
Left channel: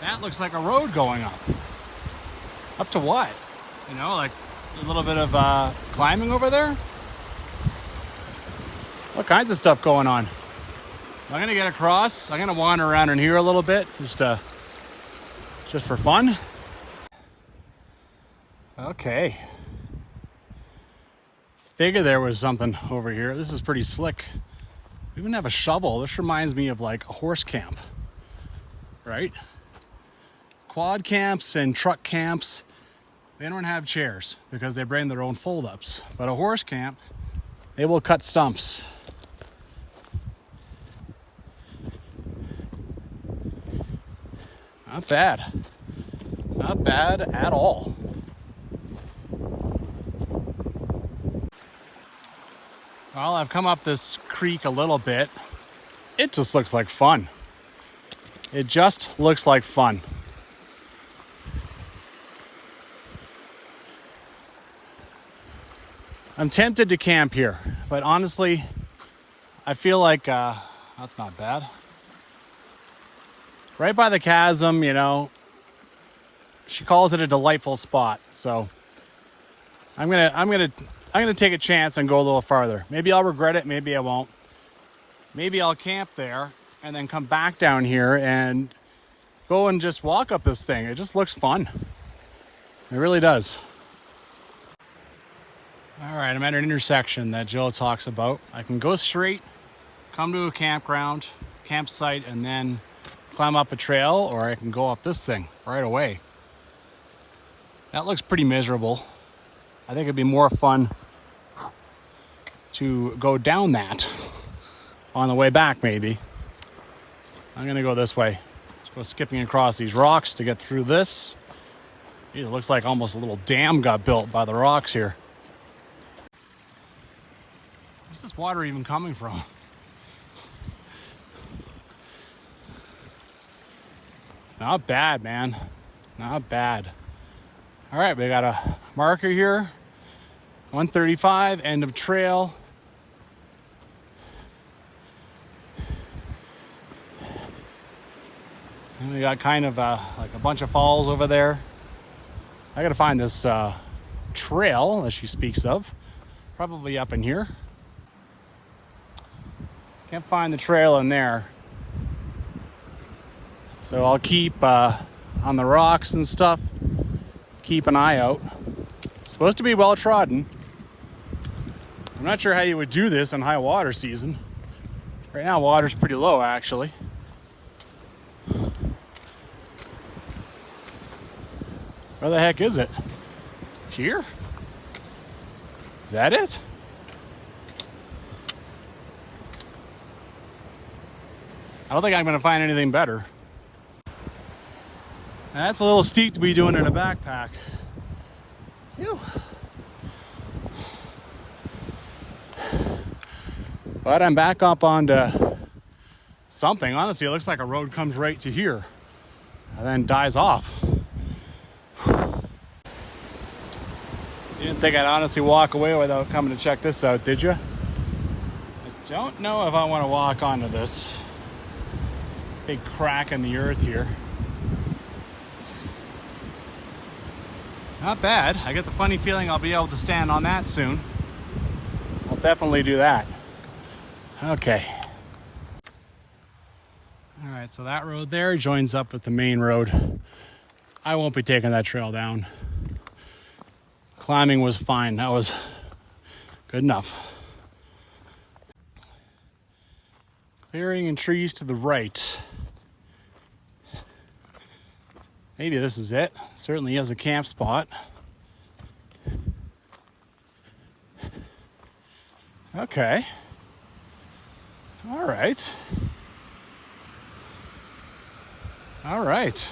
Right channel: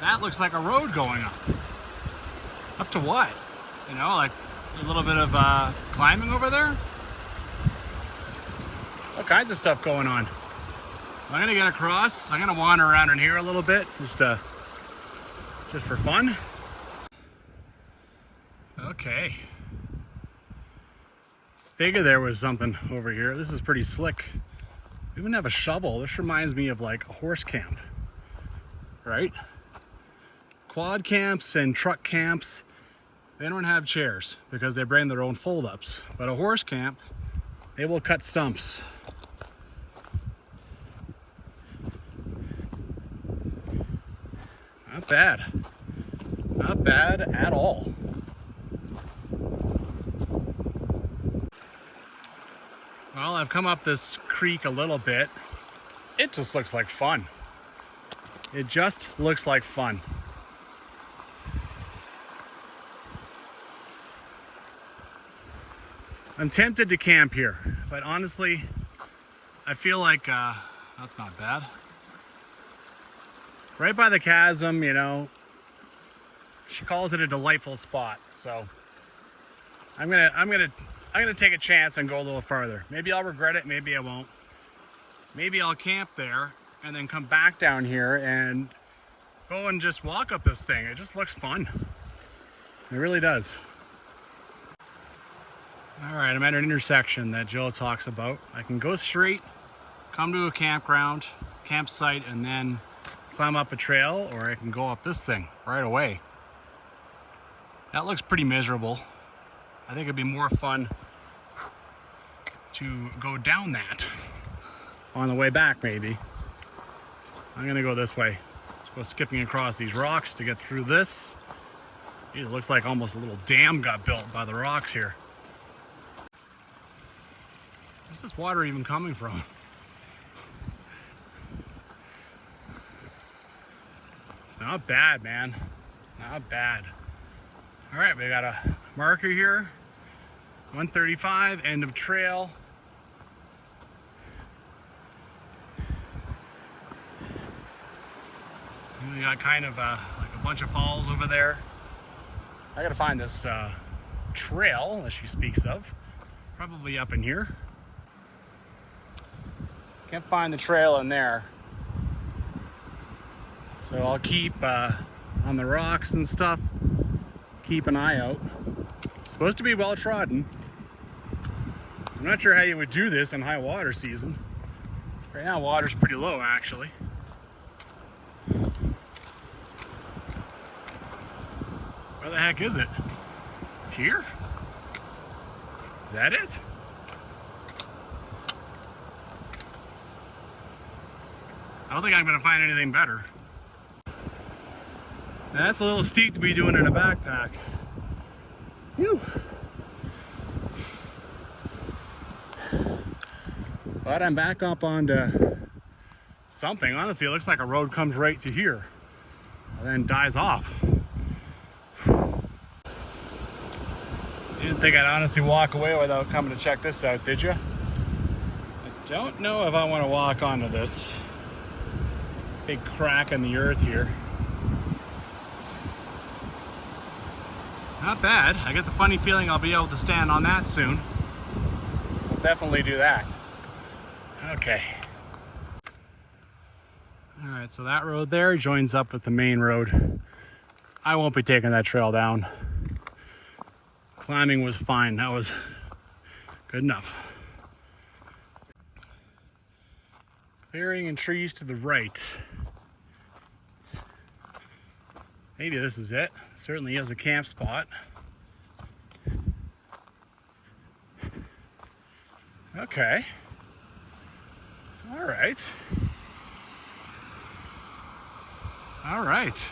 that looks like a road going up. Up to what? You know, like a little bit of climbing over there. All kinds of stuff going on. I'm gonna get across. I'm gonna wander around in here a little bit, just for fun. Okay. Figured there was something over here. This is pretty slick. We even have a shovel. This reminds me of like a horse camp, right? Quad camps and truck camps, they don't have chairs because they bring their own fold-ups. But a horse camp, they will cut stumps. Not bad. Not bad at all. Well, I've come up this creek a little bit. it just looks like fun. It just looks like fun. I'm tempted to camp here, but honestly, I feel like that's not bad. Right by the chasm, you know. She calls it a delightful spot, so I'm gonna take a chance and go a little farther. Maybe I'll regret it, maybe I won't. Maybe I'll camp there and then come back down here and go and just walk up this thing. It just looks fun. It really does. All right, I'm at an intersection that Jill talks about. I can go straight, come to a campsite, and then climb up a trail, or I can go up this thing right away. That looks pretty miserable. I think it'd be more fun to go down that on the way back, maybe. I'm gonna go this way. Just go skipping across these rocks to get through this. It looks like almost a little dam got built by the rocks here. Where's this water even coming from? Not bad, man. Not bad. All right, we got a marker here. 135, end of trail. And we got kind of like a bunch of falls over there. I gotta find this trail that she speaks of. Probably up in here. Can't find the trail in there. So I'll keep on the rocks and stuff. Keep an eye out. It's supposed to be well trodden. I'm not sure how you would do this in high water season. Right now water's pretty low actually. Where the heck is it? Here? Is that it? I don't think I'm gonna find anything better. Now, that's a little steep to be doing in a backpack. Phew. But I'm back up onto something. Honestly, it looks like a road comes right to here and then dies off. You didn't think I'd honestly walk away without coming to check this out, did you? I don't know if I want to walk onto this big crack in the earth here. Not bad. I get the funny feeling I'll be able to stand on that soon. I'll definitely do that. Okay. All right, so that road there joins up with the main road. I won't be taking that trail down. Climbing was fine. That was good enough. Clearing and trees to the right. Maybe this is it. Certainly is a camp spot. Okay. All right. All right. It's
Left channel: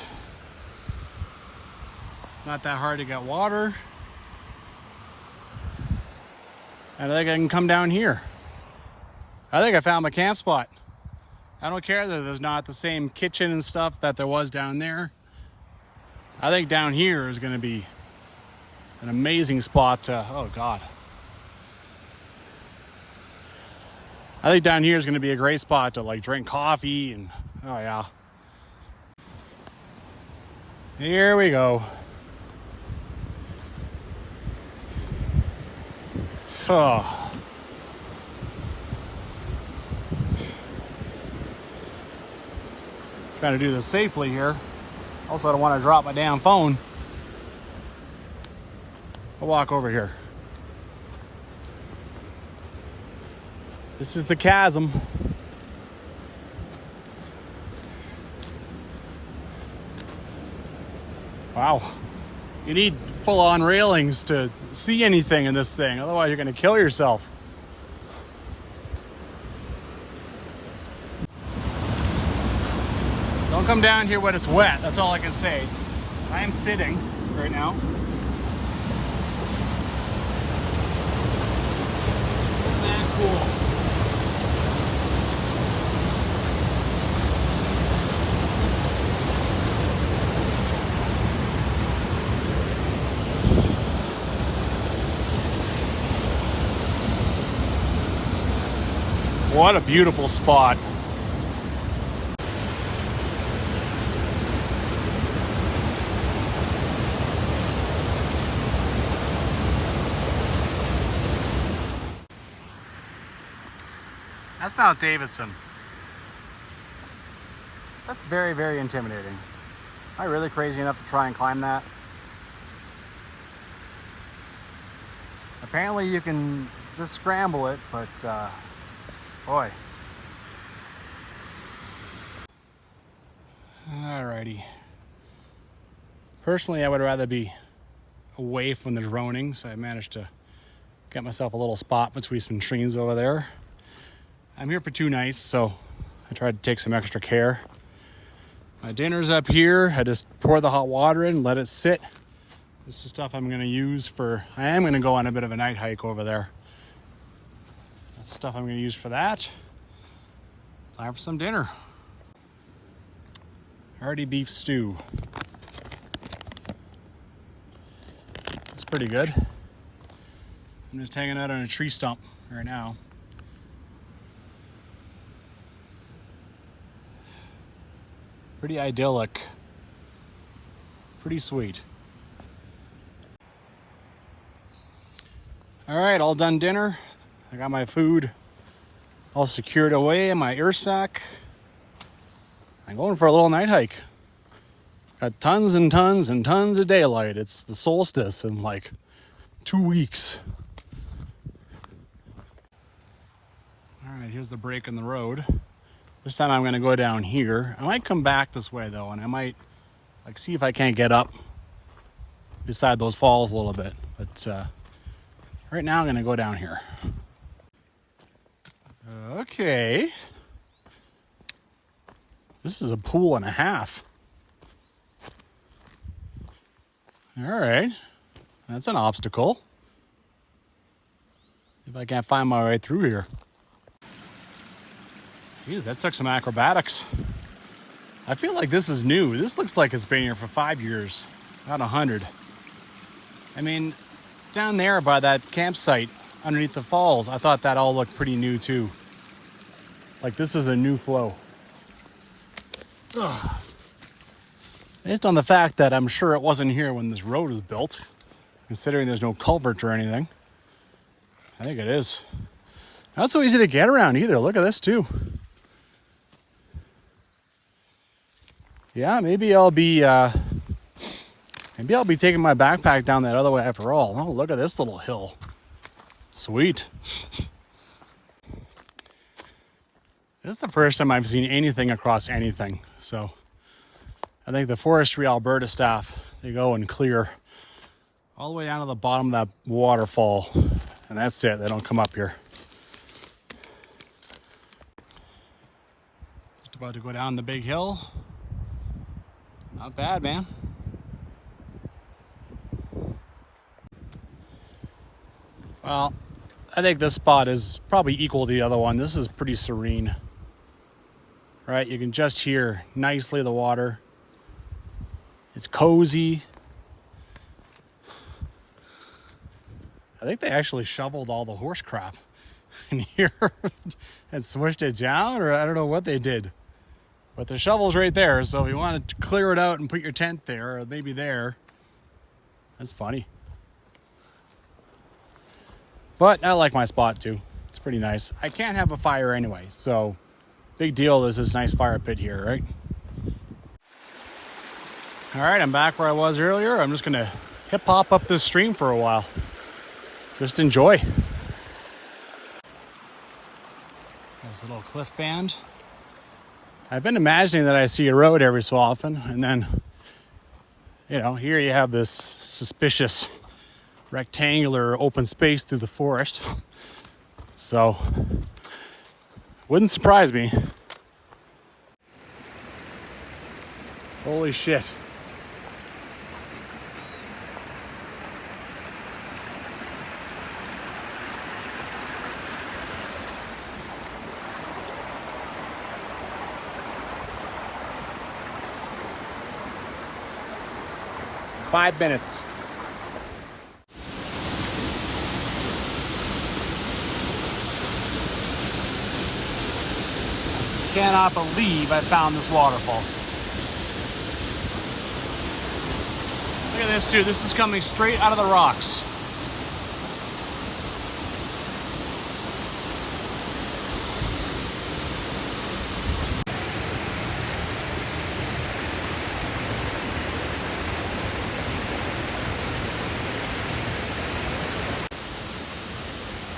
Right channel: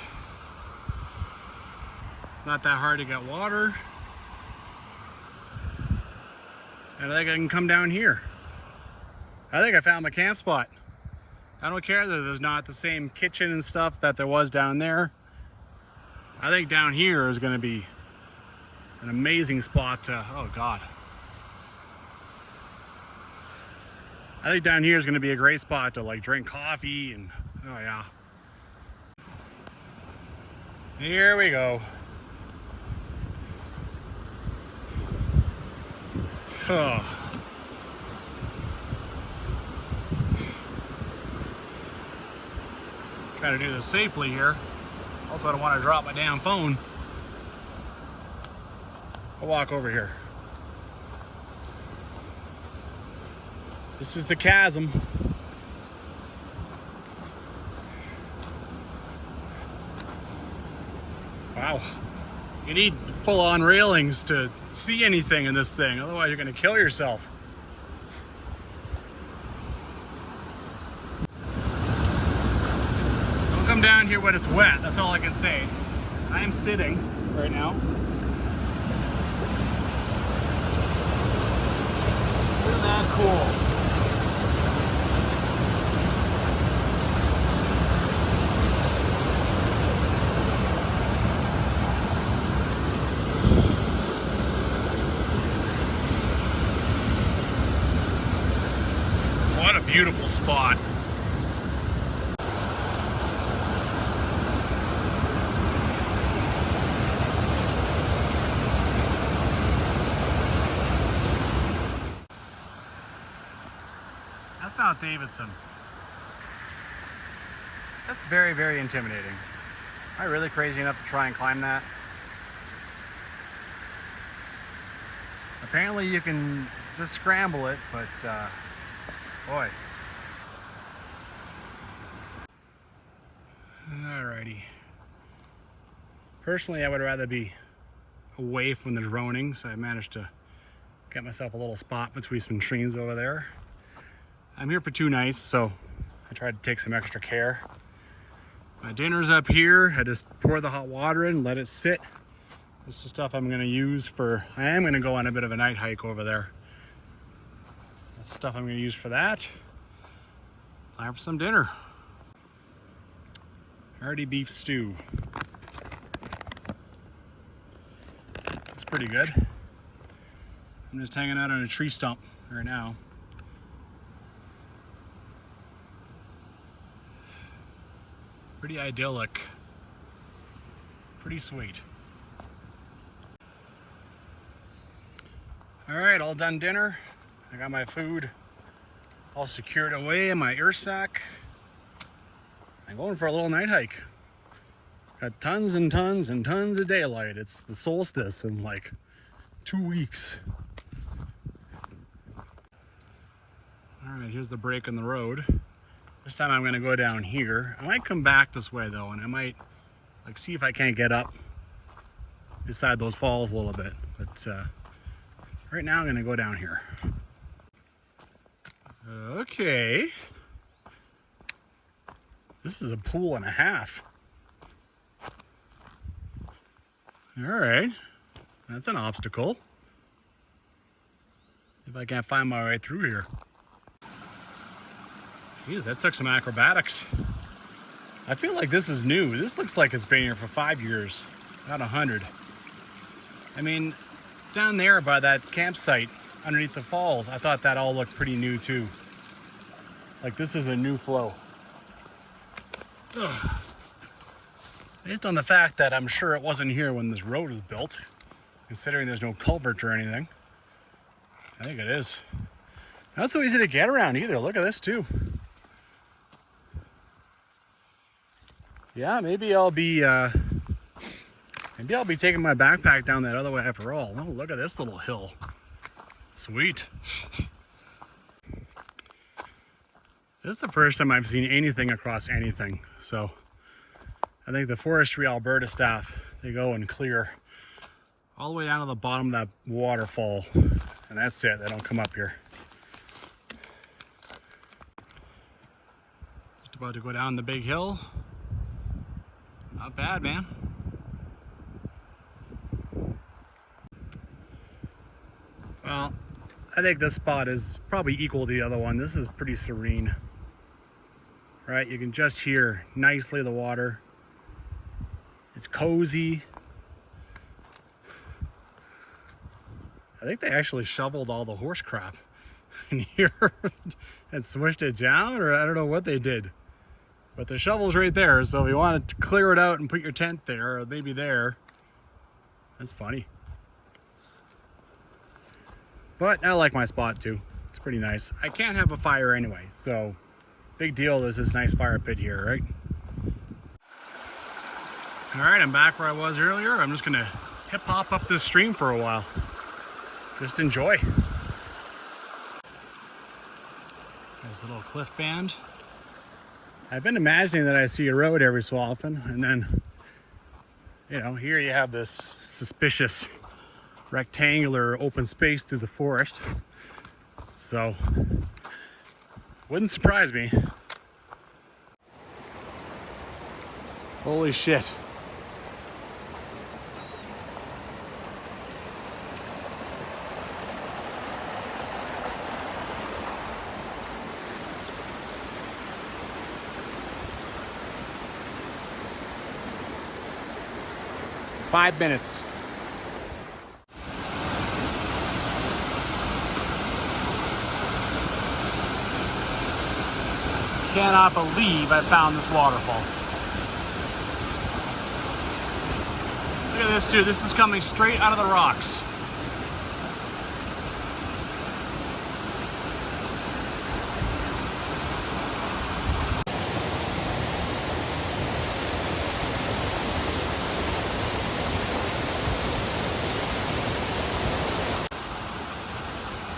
not that hard to get water. And I think I can come down here. I think I found my camp spot. I don't care that there's not the same kitchen and stuff that there was down there. I think down here is going to be an amazing spot to, oh God. I think down here is going to be a great spot to like drink coffee and, oh yeah. Here we go. Oh. Trying to do this safely here. Also, I don't want to drop my damn phone. I'll walk over here. This is the chasm. Wow. You need full-on railings to see anything in this thing. Otherwise, you're going to kill yourself. Don't come down here when it's wet. That's all I can say. I am sitting right now. Isn't that cool? What a beautiful spot. That's Mount Davidson. That's very, very intimidating. Am I really crazy enough to try and climb that? Apparently you can just scramble it, but boy. Alrighty. Personally, I would rather be away from the droning, so I managed to get myself a little spot between some trees over there. I'm here for 2 nights, so I tried to take some extra care. My dinner's up here. I just pour the hot water in, let it sit. This is stuff I'm gonna use for, I am gonna go on a bit of a night hike over there. That's stuff I'm gonna use for that. Time for some dinner. Hearty beef stew. It's pretty good. I'm just hanging out on a tree stump right now. Pretty idyllic. Pretty sweet. All right, all done dinner. I got my food all secured away in my air sack. I'm going for a little night hike. Got tons and tons and tons of daylight. It's the solstice in like 2 weeks. All right, here's the break in the road. This time I'm gonna go down here. I might come back this way though, and I might like see if I can't get up beside those falls a little bit. But right now I'm gonna go down here. Okay. This is a pool and a half. All right, that's an obstacle. If I can't find my way through here. Geez, that took some acrobatics. I feel like this is new. This looks like it's been here for 5 years, not 100. I mean, down there by that campsite underneath the falls, I thought that all looked pretty new too. Like this is a new flow. Ugh. Based on the fact that I'm sure it wasn't here when this road was built, considering there's no culvert or anything, I think it is. Not so easy to get around either. Look at this too. Yeah, maybe I'll be taking my backpack down that other way after all. Oh, look at this little hill. Sweet. This is the first time I've seen anything across anything. So I think the Forestry Alberta staff, they go and clear all the way down to the bottom of that waterfall. And that's it, they don't come up here. Just about to go down the big hill. Not bad, man. Well, I think this spot is probably equal to the other one. This is pretty serene. Right, you can just hear nicely the water. It's cozy. I think they actually shoveled all the horse crap in here and swished it down, or I don't know what they did. But the shovel's right there, so if you wanted to clear it out and put your tent there, or maybe there, that's funny. But I like my spot too. It's pretty nice. I can't have a fire anyway, so big deal, there's this nice fire pit here, right? All right, I'm back where I was earlier. I'm just gonna hip hop up this stream for a while. Just enjoy. There's a little cliff band. I've been imagining that I see a road every so often, and then, you know, here you have this suspicious rectangular open space through the forest. So, wouldn't surprise me. Holy shit. Five minutes. cannot believe I found this waterfall. Look at this too. This is coming straight out of the rocks.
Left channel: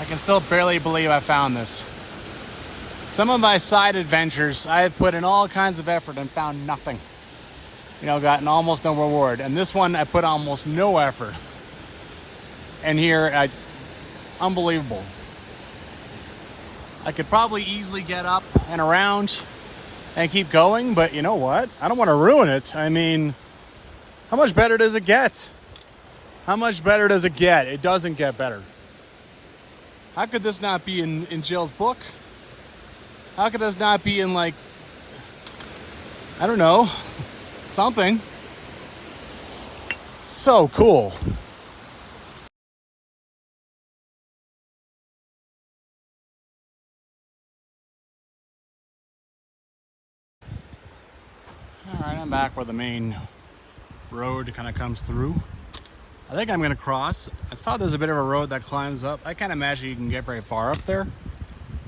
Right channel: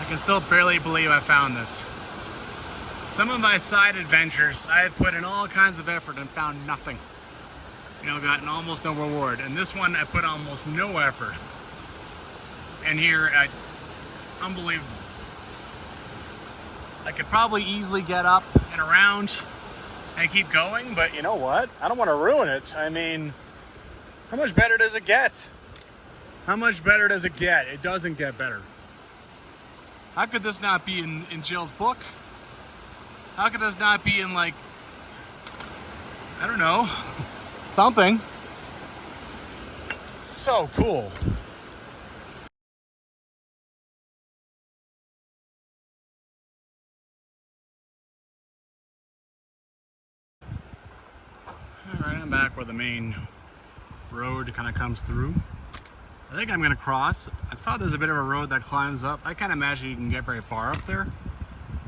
I can still barely believe I found this. Some of my side adventures, I have put in all kinds of effort and found nothing. You know, gotten almost no reward. And this one, I put almost no effort. And here, unbelievable. I could probably easily get up and around and keep going, but you know what? I don't want to ruin it. I mean, how much better does it get? How much better does it get? It doesn't get better. How could this not be in Jill's book? How could this not be in, like, I don't know, something? So cool. All right, I'm back where the main road kind of comes through. I think I'm gonna cross. I saw there's a bit of a road that climbs up. I can't imagine you can get very far up there.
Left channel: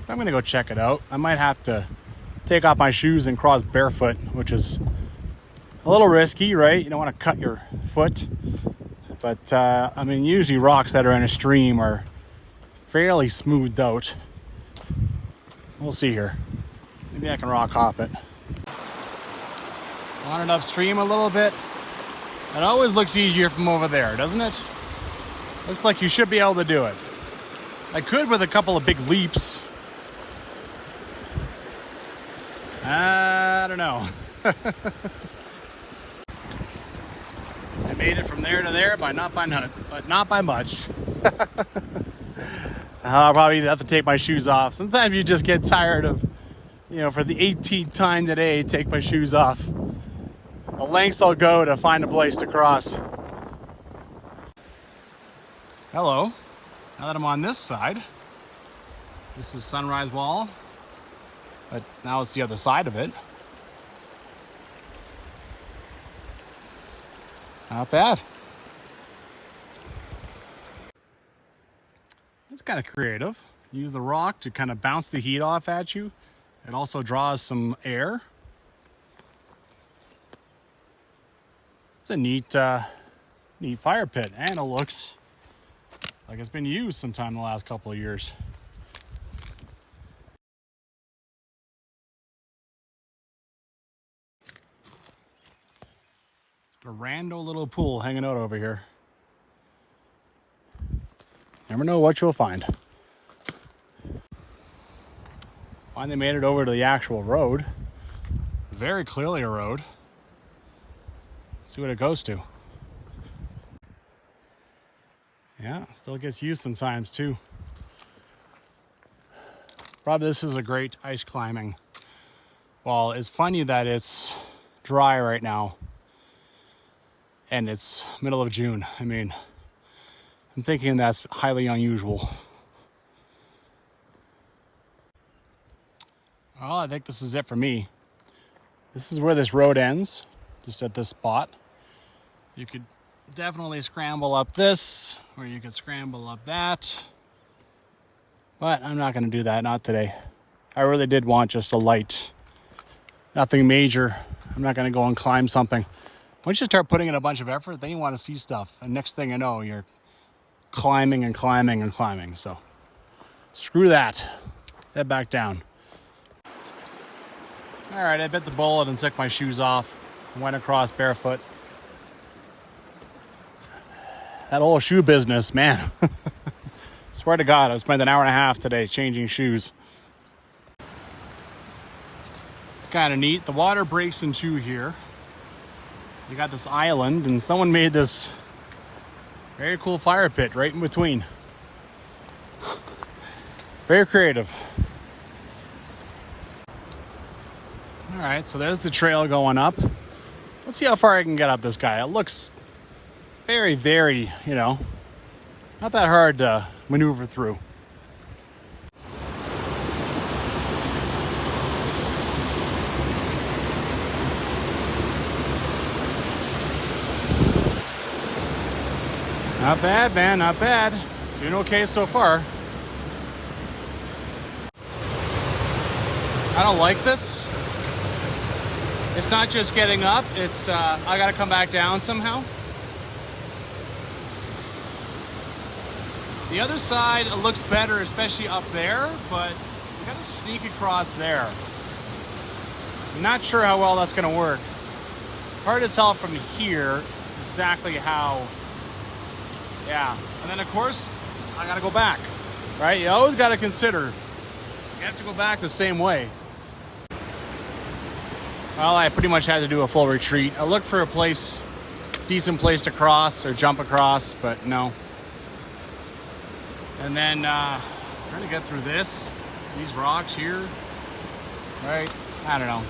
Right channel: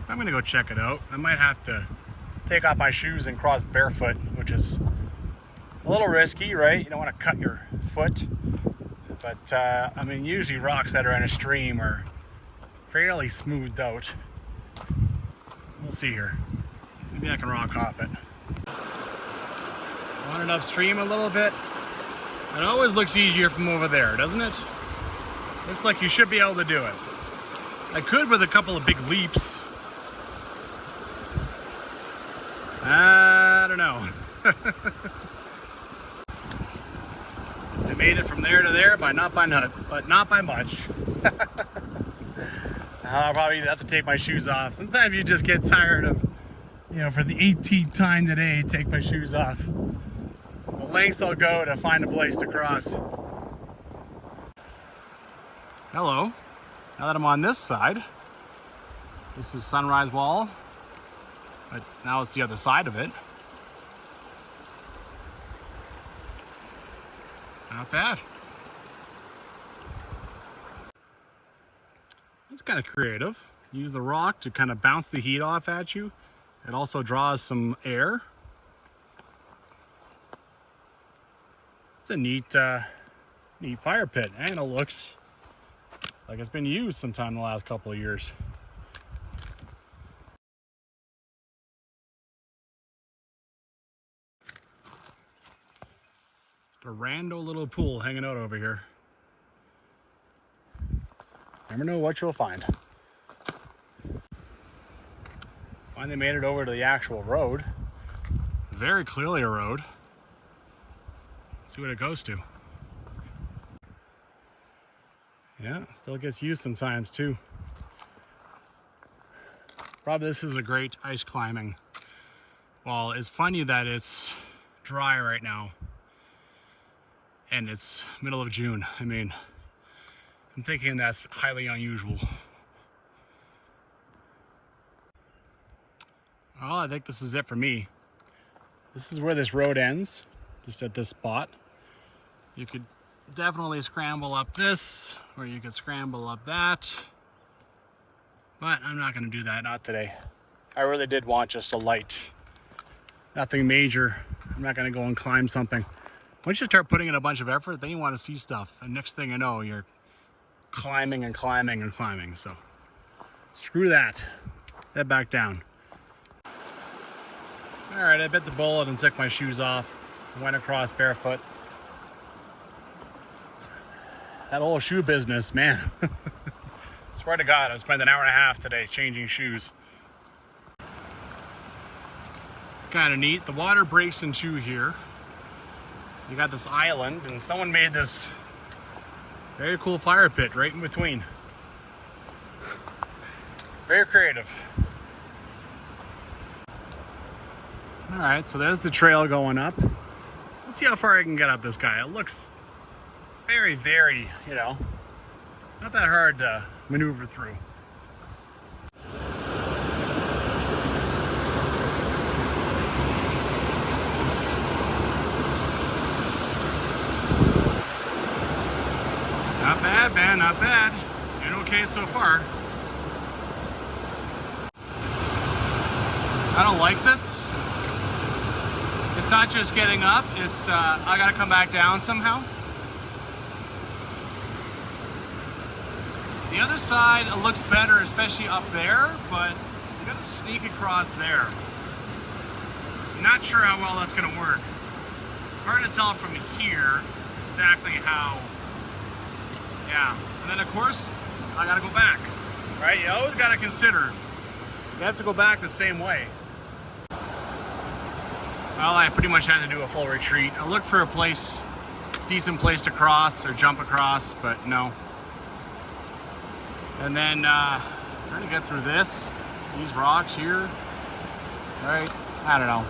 But I'm gonna go check it out. I might have to take off my shoes and cross barefoot, which is a little risky, right? You don't want to cut your foot. But I mean, usually rocks that are in a stream are fairly smoothed out. We'll see here. Maybe I can rock hop it. Wandered upstream a little bit. It always looks easier from over there, doesn't it? Looks like you should be able to do it. I could with a couple of big leaps. I don't know. I made it from there to there but not by much. I'll probably have to take my shoes off. Sometimes you just get tired of, you know, for the 18th time today, take my shoes off. The lengths I'll go to find a place to cross. Hello. Now that I'm on this side, this is Sunrise Wall, but now it's the other side of it. Not bad. That's kind of creative. Use the rock to kind of bounce the heat off at you. It also draws some air. It's a neat fire pit, and it looks like it's been used sometime in the last couple of years. A rando little pool hanging out over here. Never know what you'll find. Finally made it over to the actual road. Very clearly a road. See what it goes to. Yeah, still gets used sometimes too. Probably this is a great ice climbing. Well, it's funny that it's dry right now and it's middle of June. I mean, I'm thinking that's highly unusual. Well, I think this is it for me. This is where this road ends. Just at this spot. You could definitely scramble up this, or you could scramble up that. But I'm not gonna do that, not today. I really did want just a light, nothing major. I'm not gonna go and climb something. Once you start putting in a bunch of effort, then you wanna see stuff. And next thing you know, you're climbing and climbing and climbing. So screw that, head back down. All right, I bit the bullet and took my shoes off. Went across barefoot. That whole shoe business, man. Swear to God, I spent an hour and a half today changing shoes. It's kind of neat. The water breaks in two here. You got this island, and someone made this very cool fire pit right in between. Very creative. All right, so there's the trail going up. Let's see how far I can get up this guy. It looks very, very, you know, not that hard to maneuver through. Not bad, man, not bad. Doing okay so far. I don't like this. It's not just getting up, it's I gotta come back down somehow. The other side, it looks better, especially up there, but you gotta sneak across there. I'm not sure how well that's gonna work. Hard to tell from here exactly how, yeah. And then of course, I gotta go back, right? You always gotta consider, you have to go back the same way. Well, I pretty much had to do a full retreat. I looked for a place, decent place to cross or jump across, but no. And then trying to get through these rocks here, right? I don't know.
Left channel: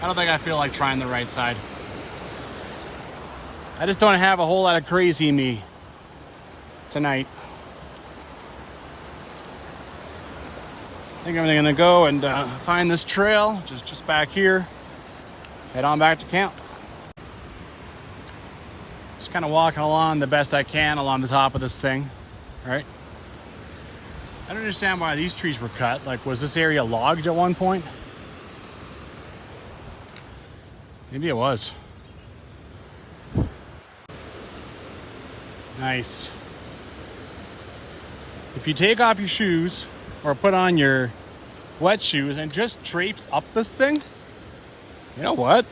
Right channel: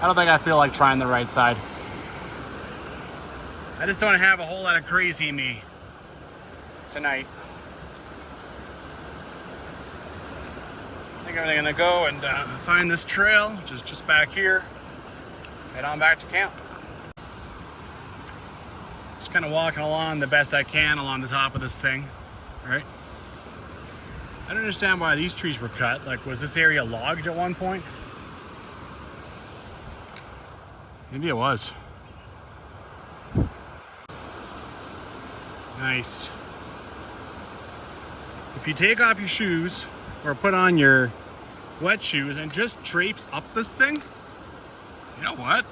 I don't think I feel like trying the right side. I just don't have a whole lot of crazy in me tonight. I think I'm gonna go and find this trail, just back here. Head on back to camp. Just kind of walking along the best I can along the top of this thing, right? I don't understand why these trees were cut. Like, was this area logged at one point? Maybe it was. Nice. If you take off your shoes or put on your wet shoes and just traipse up this thing, you know what?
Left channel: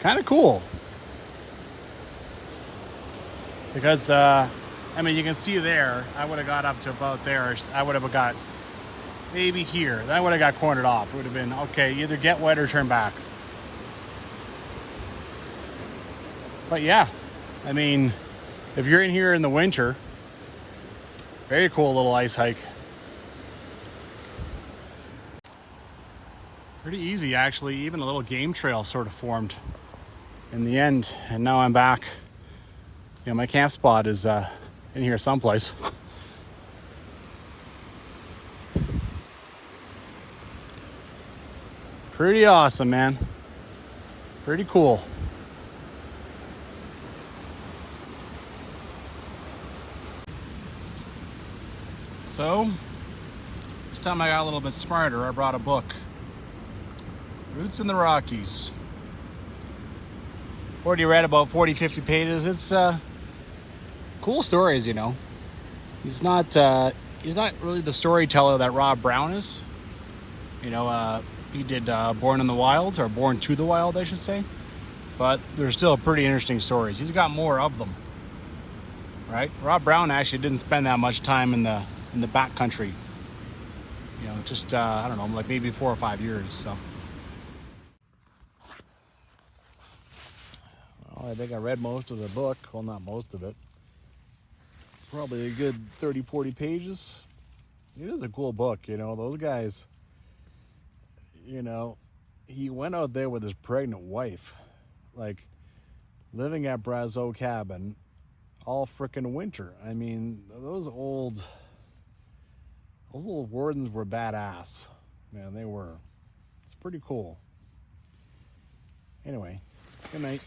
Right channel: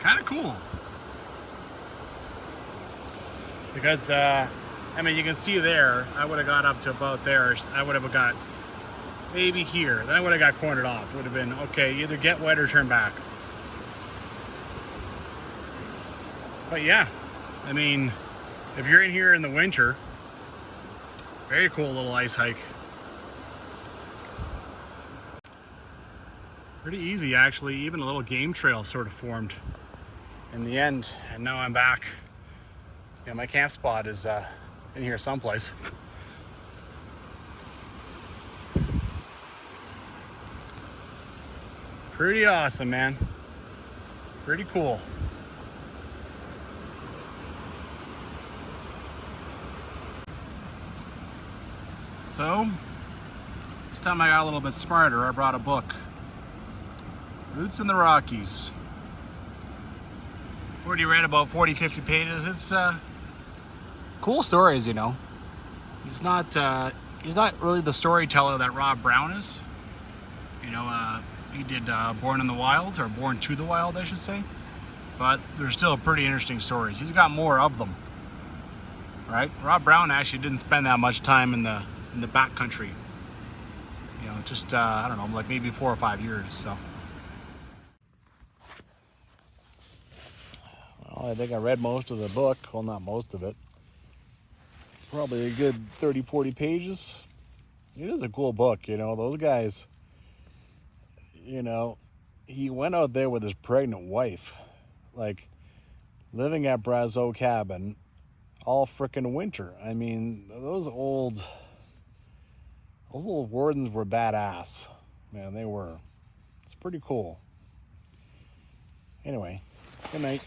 Kind of cool. Because, I mean, you can see there, I would have got up to about there. I would have got maybe here. Then I would have got cornered off. It would have been, okay, either get wet or turn back. But yeah, I mean, if you're in here in the winter, very cool little ice hike. Pretty easy, actually. Even a little game trail sort of formed in the end. And now I'm back. You know, my camp spot is in here someplace. Pretty awesome, man. Pretty cool. So, this time I got a little bit smarter. I brought a book. Roots in the Rockies. Already read about 40, 50 pages. It's cool stories, you know. He's not really the storyteller that Rob Brown is. You know, he did Born in the Wild, or Born to the Wild, I should say. But they're still pretty interesting stories. He's got more of them, right? Rob Brown actually didn't spend that much time in the backcountry. You know, just I don't know, like maybe 4 or 5 years. So, well, I think I read most of the book. Well, not most of it. Probably a good 30, 40 pages. It is a cool book, you know. Those guys, you know, he went out there with his pregnant wife, like living at Brazeau cabin all frickin' winter. I mean, those old wardens were badass. Man, they were. It's pretty cool. Anyway, good night.